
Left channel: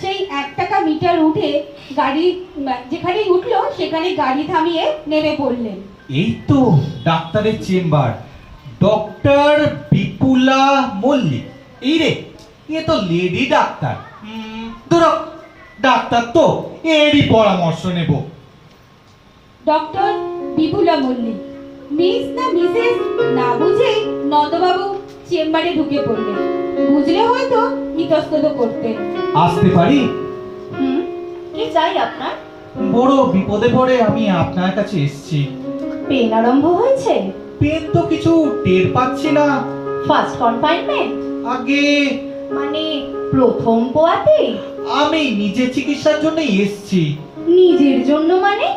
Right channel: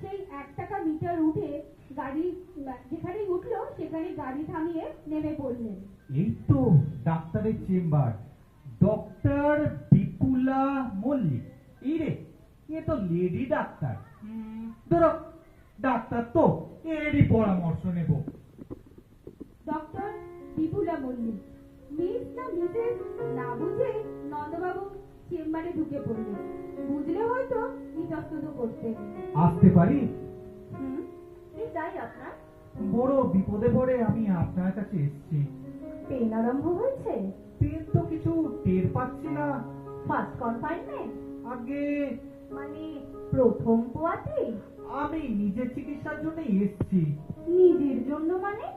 সেই 1 টাকা মিটার উঠে গাড়ি যেখানেই উঠলো সেখানে গাড়ি থামিয়ে নেমে পড়লেন। এই তো ডাক্তারের চেম্বার, ডক্টর বিপুলা মল্লিক। এই রে, এ তো লেডি ডাক্তার। ধরো ডাক্তার তো, এরই পরামর্শ নেব। ডক্টর বিপুলা মল্লিক, মিস না মিসেস না বুঝেই নন্দবাবু চেম্বারে ঢুকে পড়লেন। বুঝলে হয়তো ইতস্তত করতেন। আসতে পারি? কি চাই আপনার? বড় বিপদে পড়ে আমি আপনার কাছে এসেছি। পেন আরম্ভ হয়েছে? পেন তো কিছু টের পাচ্ছি না। First confinement? আগে মানে প্রথম পোয়াতে? আমি নিজে চিকিৎসার জন্য এসেছি। নিজের জন্য মানে?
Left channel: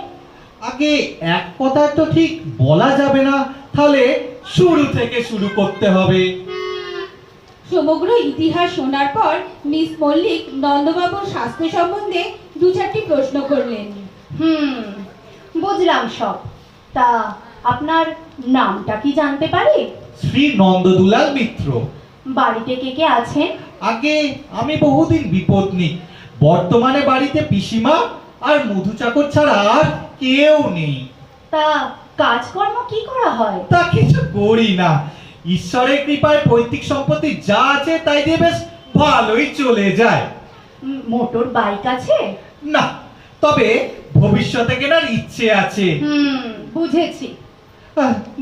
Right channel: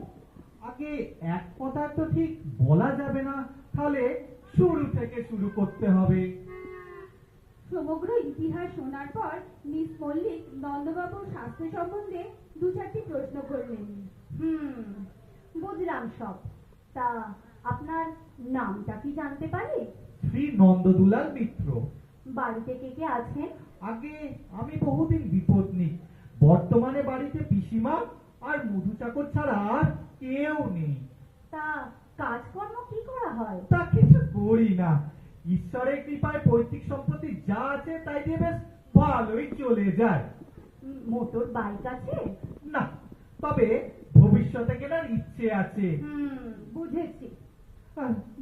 আগে এক কথা তো ঠিক বলা যাবে না, তাহলে শুরু থেকে শুরু করতে হবে। সমগ্র ইতিহাস শোনার পর মিস মল্লিক নন্দবাবুর স্বাস্থ্য সম্বন্ধে 2-4টি প্রশ্ন করলেন। বুঝলাম সব। তা আপনার নামটা কি জানতে পারি? শ্রী নন্দদুলাল মিত্র। বাড়িতে কে কে আছেন? আগে আমি বহুদিন বিপত্নী, বর্তমানে বাড়িতে পিসিমা আর মধু চাকর ছাড়া আর কেউ নেই। তা কাজকর্ম কি করা হয়? তা কিছু করি না, ঈশ্বরের কৃপায় পৈতৃক সম্পত্তি যা আছে তাই দিয়ে বেশ ভালোই চলে যায়। মোটর বাইক আছে? না, তবে ভবিষ্যতে কেনার ইচ্ছে আছে। বুঝেছি।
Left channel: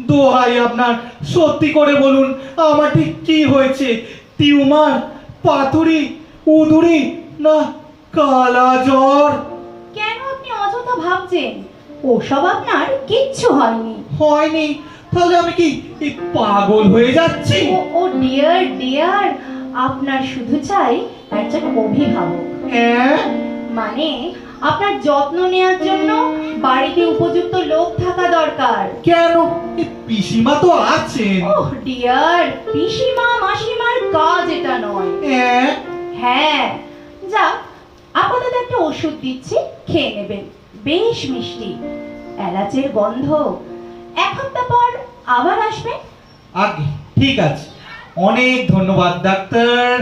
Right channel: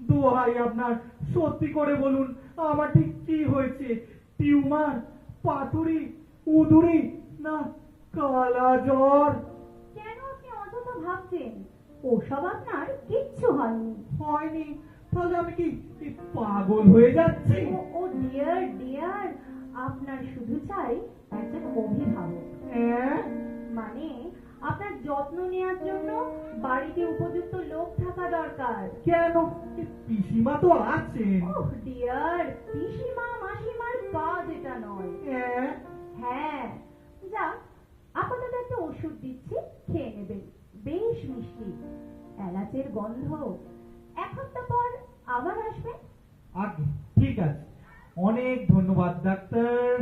দোহাই আপনার, সত্যি করে বলুন আমার ঠিক কি হয়েছে? টিউমার, পাথুরি, উদুরি না কালা জ্বর? কেন আপনি অযথা ভাবছেন? ওসব আপনার কিচ্ছু হয়নি। হয়নি? তাহলে আমি কি পাগল হয়ে যাচ্ছি? ও ডিয়ার ডিয়ার, আপনার শুধু চাই একজন অভিভাবক। মানে আপনার যত্ন নেওয়ার জন্য বাড়িতে উপযুক্ত লোক থাকা দরকার। কেন? পিসিমা তো আছেন। ওহ ডিয়ার, পিসিমা মাসিমার কাজ এটা নয়। হ্যাঁ, যা আপাতত একটা ওষুধ দিচ্ছি, খেয়ে নেবেন, বেশ মিষ্টি, এলাচের গন্ধ। 1 সপ্তাহ পর আবার আসবেন। আগে ঠিক আছে, অনেক ধন্যবাদ ডাক্তার।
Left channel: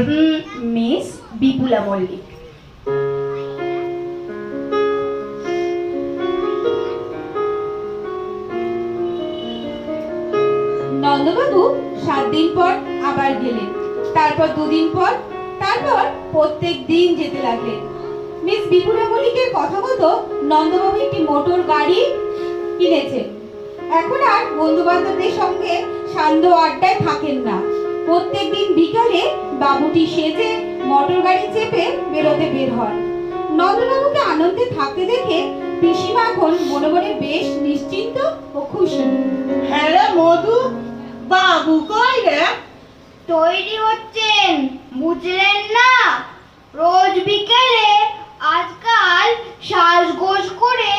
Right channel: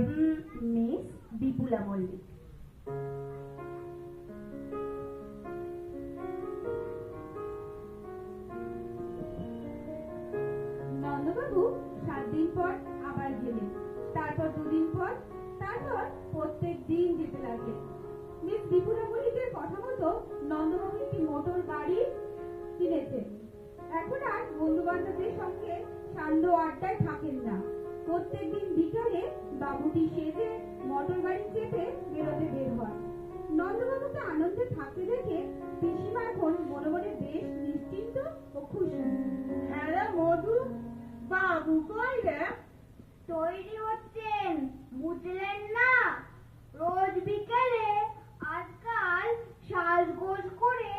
মিস বিপুলা মল্লিক। নন্দবাবু 7 দিন পর আবার গেলেন, তারপর 2 দিন পর, তারপর প্রত্যেক দিন যেতে লাগলেন। মিস বিপুলা মল্লিকের কথা মতো নন্দবাবু একটি মোটর গাড়ি কিনেছেন। এখন আর বন্ধু বান্ধবদের সঙ্গে সান্ধ্য আড্ডায় থাকেন না। প্রত্যেক দিন বিকালে বাবুটি সেজে মোটর গাড়ি চেপে বেরোতে বের হন। নন্দবাবুকে আনন্দে থাকতে দেখে পিসিমা এখন মনে মনে বেশ নিশ্চিন্ত ও খুশি। হ্যাঁ রে মধু, বাবু কই রে? তৈরি হচ্ছেন, বুঝলেন না? রোজ বিকেলে আজকাল সাজগোজ করে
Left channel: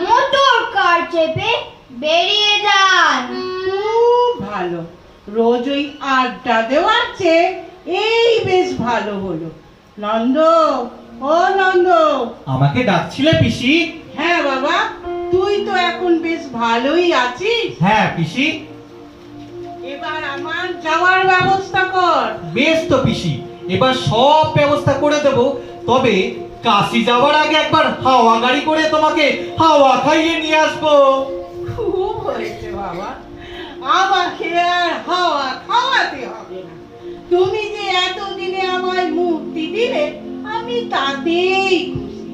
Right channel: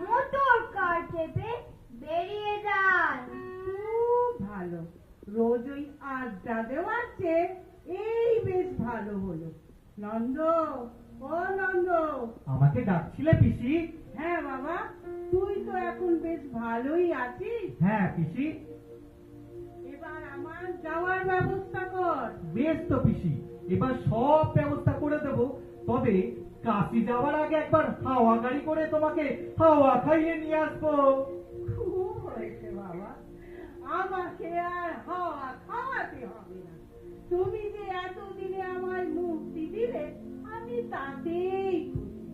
মোটর কার চেপে বেরিয়ে যান। খুব ভালো, রোজ ওই আড্ডা দেওয়ার চেয়ে এই বেশ ভালো হলো। নন্দ, ও নন্দ। আমাকে ডাকছিলে পিসি? হ্যাঁ বাবা, তুই তো এখন বেশ ভালোই আছিস। হ্যাঁ পিসি। এবার আমার যাওয়ার ব্যবস্থা কর। বেশ তো পিসি, এবার সব ব্যবস্থা করে দেব। তবে কাশি যাওয়ার আগে একবার হাওয়া গাড়ি করে তোমাকে হাওয়া খাইয়ে নিয়ে আসবো। খুব হয়েছে বাবা, আমাকে আর হাওয়া খাওয়াতে হবে না। তুমি যে এতদিনে আমায় মুক্তি দিলে, আমি তাতেই খুশি।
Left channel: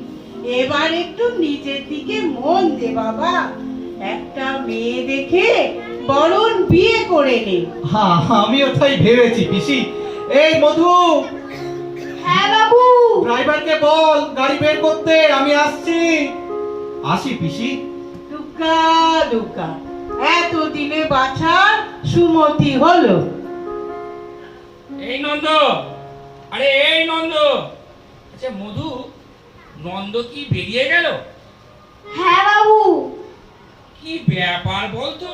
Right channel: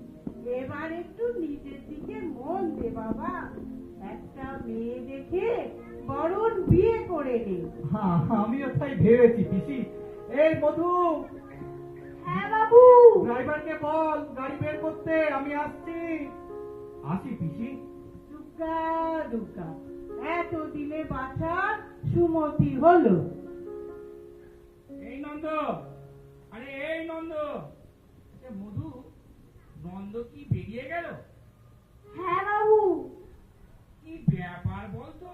এবার একটু নিজের দিকে মন দে বাবা। একটা মেয়ে দেখে বরং বিয়ে করে নে। হ্যাঁ, আমিও তাই ভেবেছি পিসি। এই মধু, হ্যাঁ বাবু। ড্রাইভারকে বল গাড়ি বের করতে, আমি আসছি। আসি পিসি। দুকা দুকা, এতদিনে বাছার সুমতি হলো। এই নন্দ, আরে এই নন্দ। আচ্ছা মধু, নন্দ কি বেরিয়ে গেল? হ্যাঁ বাবু। কি ব্যাপার বলতো?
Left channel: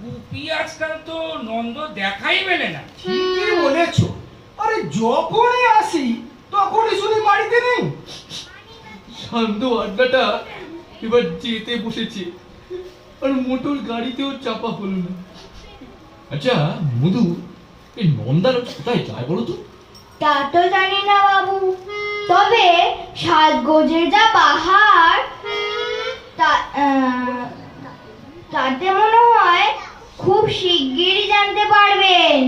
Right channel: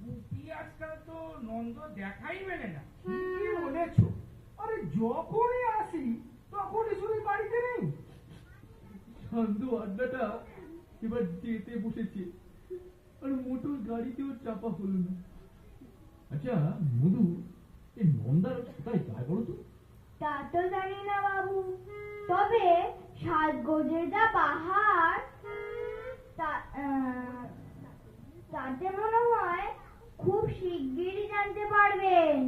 গুপি আজকাল তো নন্দ দেখাই মেলে না। ঠিকই বলেছো। আরে যখনই আসি তখনই শুনি বাড়িতে নেই। শান্ত আড্ডাটা এবার যেতে বসেছে, আর মোটর গাড়িতেও চাপা হলো না। আচ্ছা মধু, এই নন্দার কোথায় যায় বলো তো? তা তো জানি না বাবু, তবে সাজগোজের যা পাহাড়, তাতে মনে হয় খুব শিগগিরই জানতে পারবেন।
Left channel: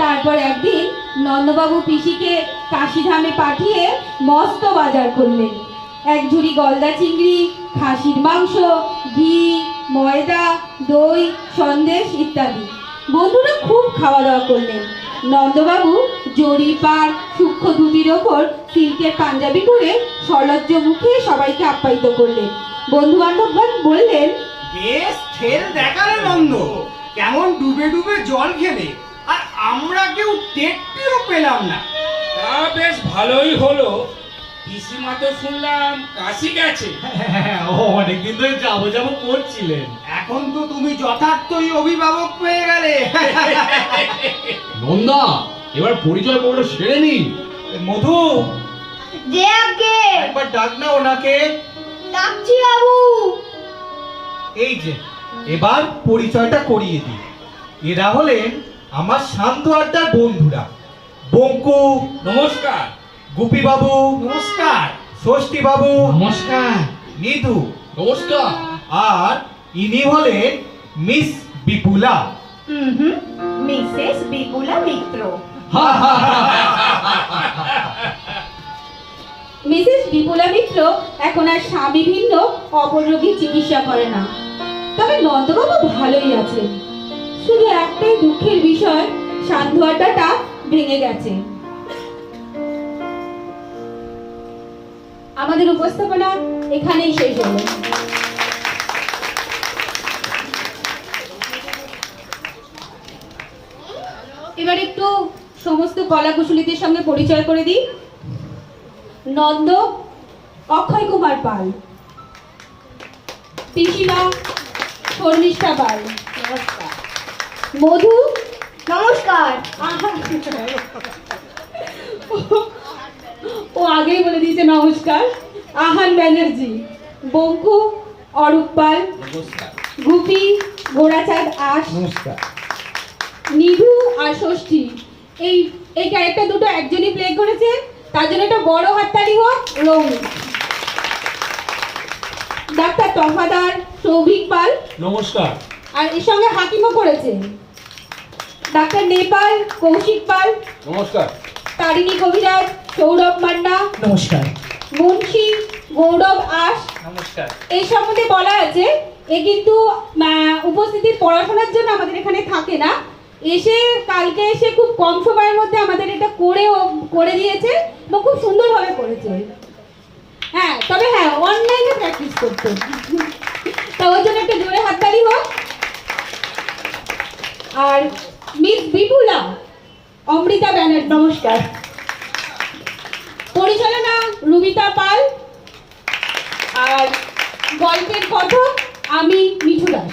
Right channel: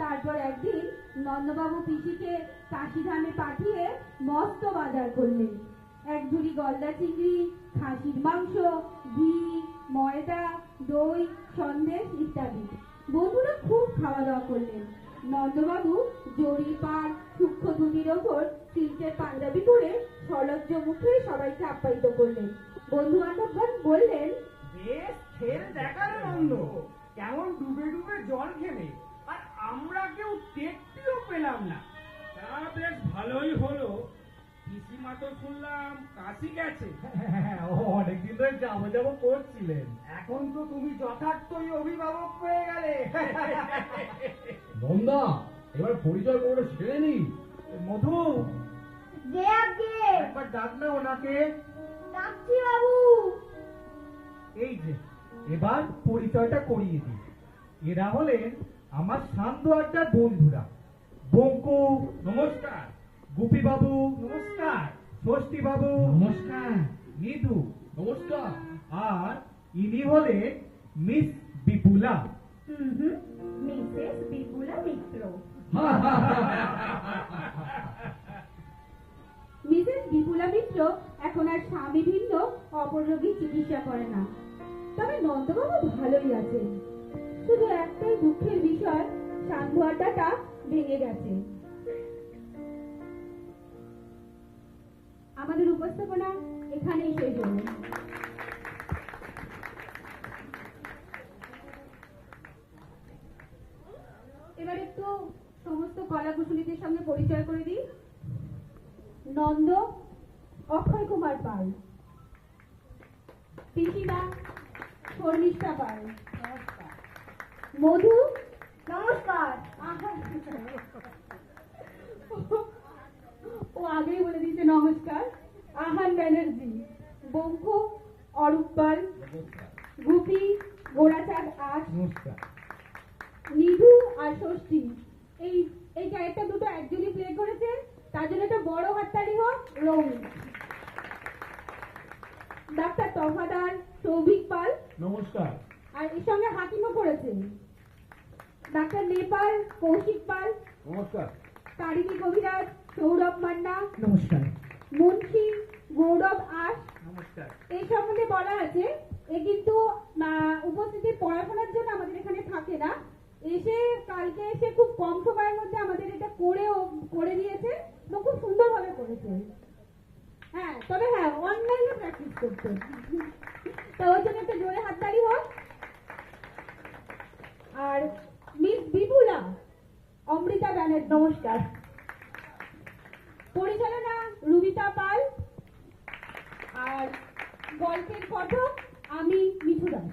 তারপর একদিন নন্দবাবু পিসিকে কাশিধামে পাঠিয়ে মস্ত বাজার করলেন। এক ঝুড়ি গলদা চিংড়ি, খাসির মাংস, ঘি, ময়দা, দই, সন্দেশ ইত্যাদি। বন্ধুরা খুব খাওয়া দাওয়া করলেন। নন্দবাবু জরিপার সূক্ষ্ম ধুতির ওপর সিল্কের পাঞ্জাবি পরে সলজ্জ মুখে সবাইকে আপ্যায়িত করলেন। বন্ধু বান্ধবগণ বললেন, বেশ ঠেল দেখালে নন্দ, কেমন ডুবে ডুবে জল খেলে, আর আমরা কেউ টেরটিও পেলাম না। তা বেশ ভালোই হলো। পিসিমা তো শুনলাম কাশি গেছে। অনেকদিন ধরে যাবো করছিলেন। এখন তো তুমি যথার্থই অভিভাবক পেয়ে গেলে। নন্দা, এবার পরিচয় পর্ব সেরে নি। মধু, যে আগে একবার ডাক না ওনাকে। ডাকছি বাবু। এই যে, এবার পরিচয়টা করিয়ে দিই। এরা হলেন আমার শান্ত আড্ডার বন্ধুরা। বঙ্কু নমস্কার। গুপি বাবু নমস্কার। ষষ্ঠী বাবু নমস্কার। নিধু নমস্কার। আর ইনি হলেন মিস বিপুলা। মিসেস বিপুলা মিত্র। মিসেস বিপুলা মিত্র এখন আর স্বামী ভিন্ন অপর রোগীর চিকিৎসা করে না। তবে নন্দবাবু ভালোই আছেন। শুধু একটাই দুঃখের বিষয়, সান্ধ্য আড্ডাটা ভেঙে গেছে। আমাদের উপস্থাপনা এখানেই শেষ হলো। এবার একটু সমস্ত কলাকুশলীদের সঙ্গে পরিচয় করে দিই। নন্দ অক্ষয় কুমার পাল, পিসিমা শর্মিষ্ঠা পাল, মধু নমস্কার। ও আগেই বলে দিয়েছে নমস্কার, আহান ব্যানার্জি, বঙ্কু অরূপ পাল, গুপি ঘোড়াচাঁদ আশ, নিধু আর ষষ্ঠী। এই ক্যারেক্টার দুটো একজনই প্লে করেছে, তার জন্য একটা বড় হাততালি হোক। রং ডাক্তার তফাদার সৌভিক পাল, নমস্কার। আর এর সঙ্গে হাকিমও করেছে ডাক্তার নেপাল কৌশিক পাল, নমস্কার। তারিণী কবিরাজ সৌরভ মান্না, নমস্কার। মুন্সি গৌরব আশ। নমস্কার। এই সম্বন্ধে বলা আছে এ কিন্তু উপস্থিতির পড়াশোনার জন্য আমাদের এখানে থাকে না, এসে কালকে এসে খুব কম সময়ের মধ্যে আমাদের এটা করে দিয়েছে এবং খুব সুন্দরভাবে করেছে। হ্যাঁ, তবে হ্যাঁ অনলাইনে প্র্যাকটিস করতো, তা ওর জন্য একটা জোরে হাততালি হোক। আর মিস বিপুলা অমৃতা ব্যানার্জি, নমস্কার। পরিচালনা রুবিতা পাল, আর গল্পের কথক আমি মিঠু দাস।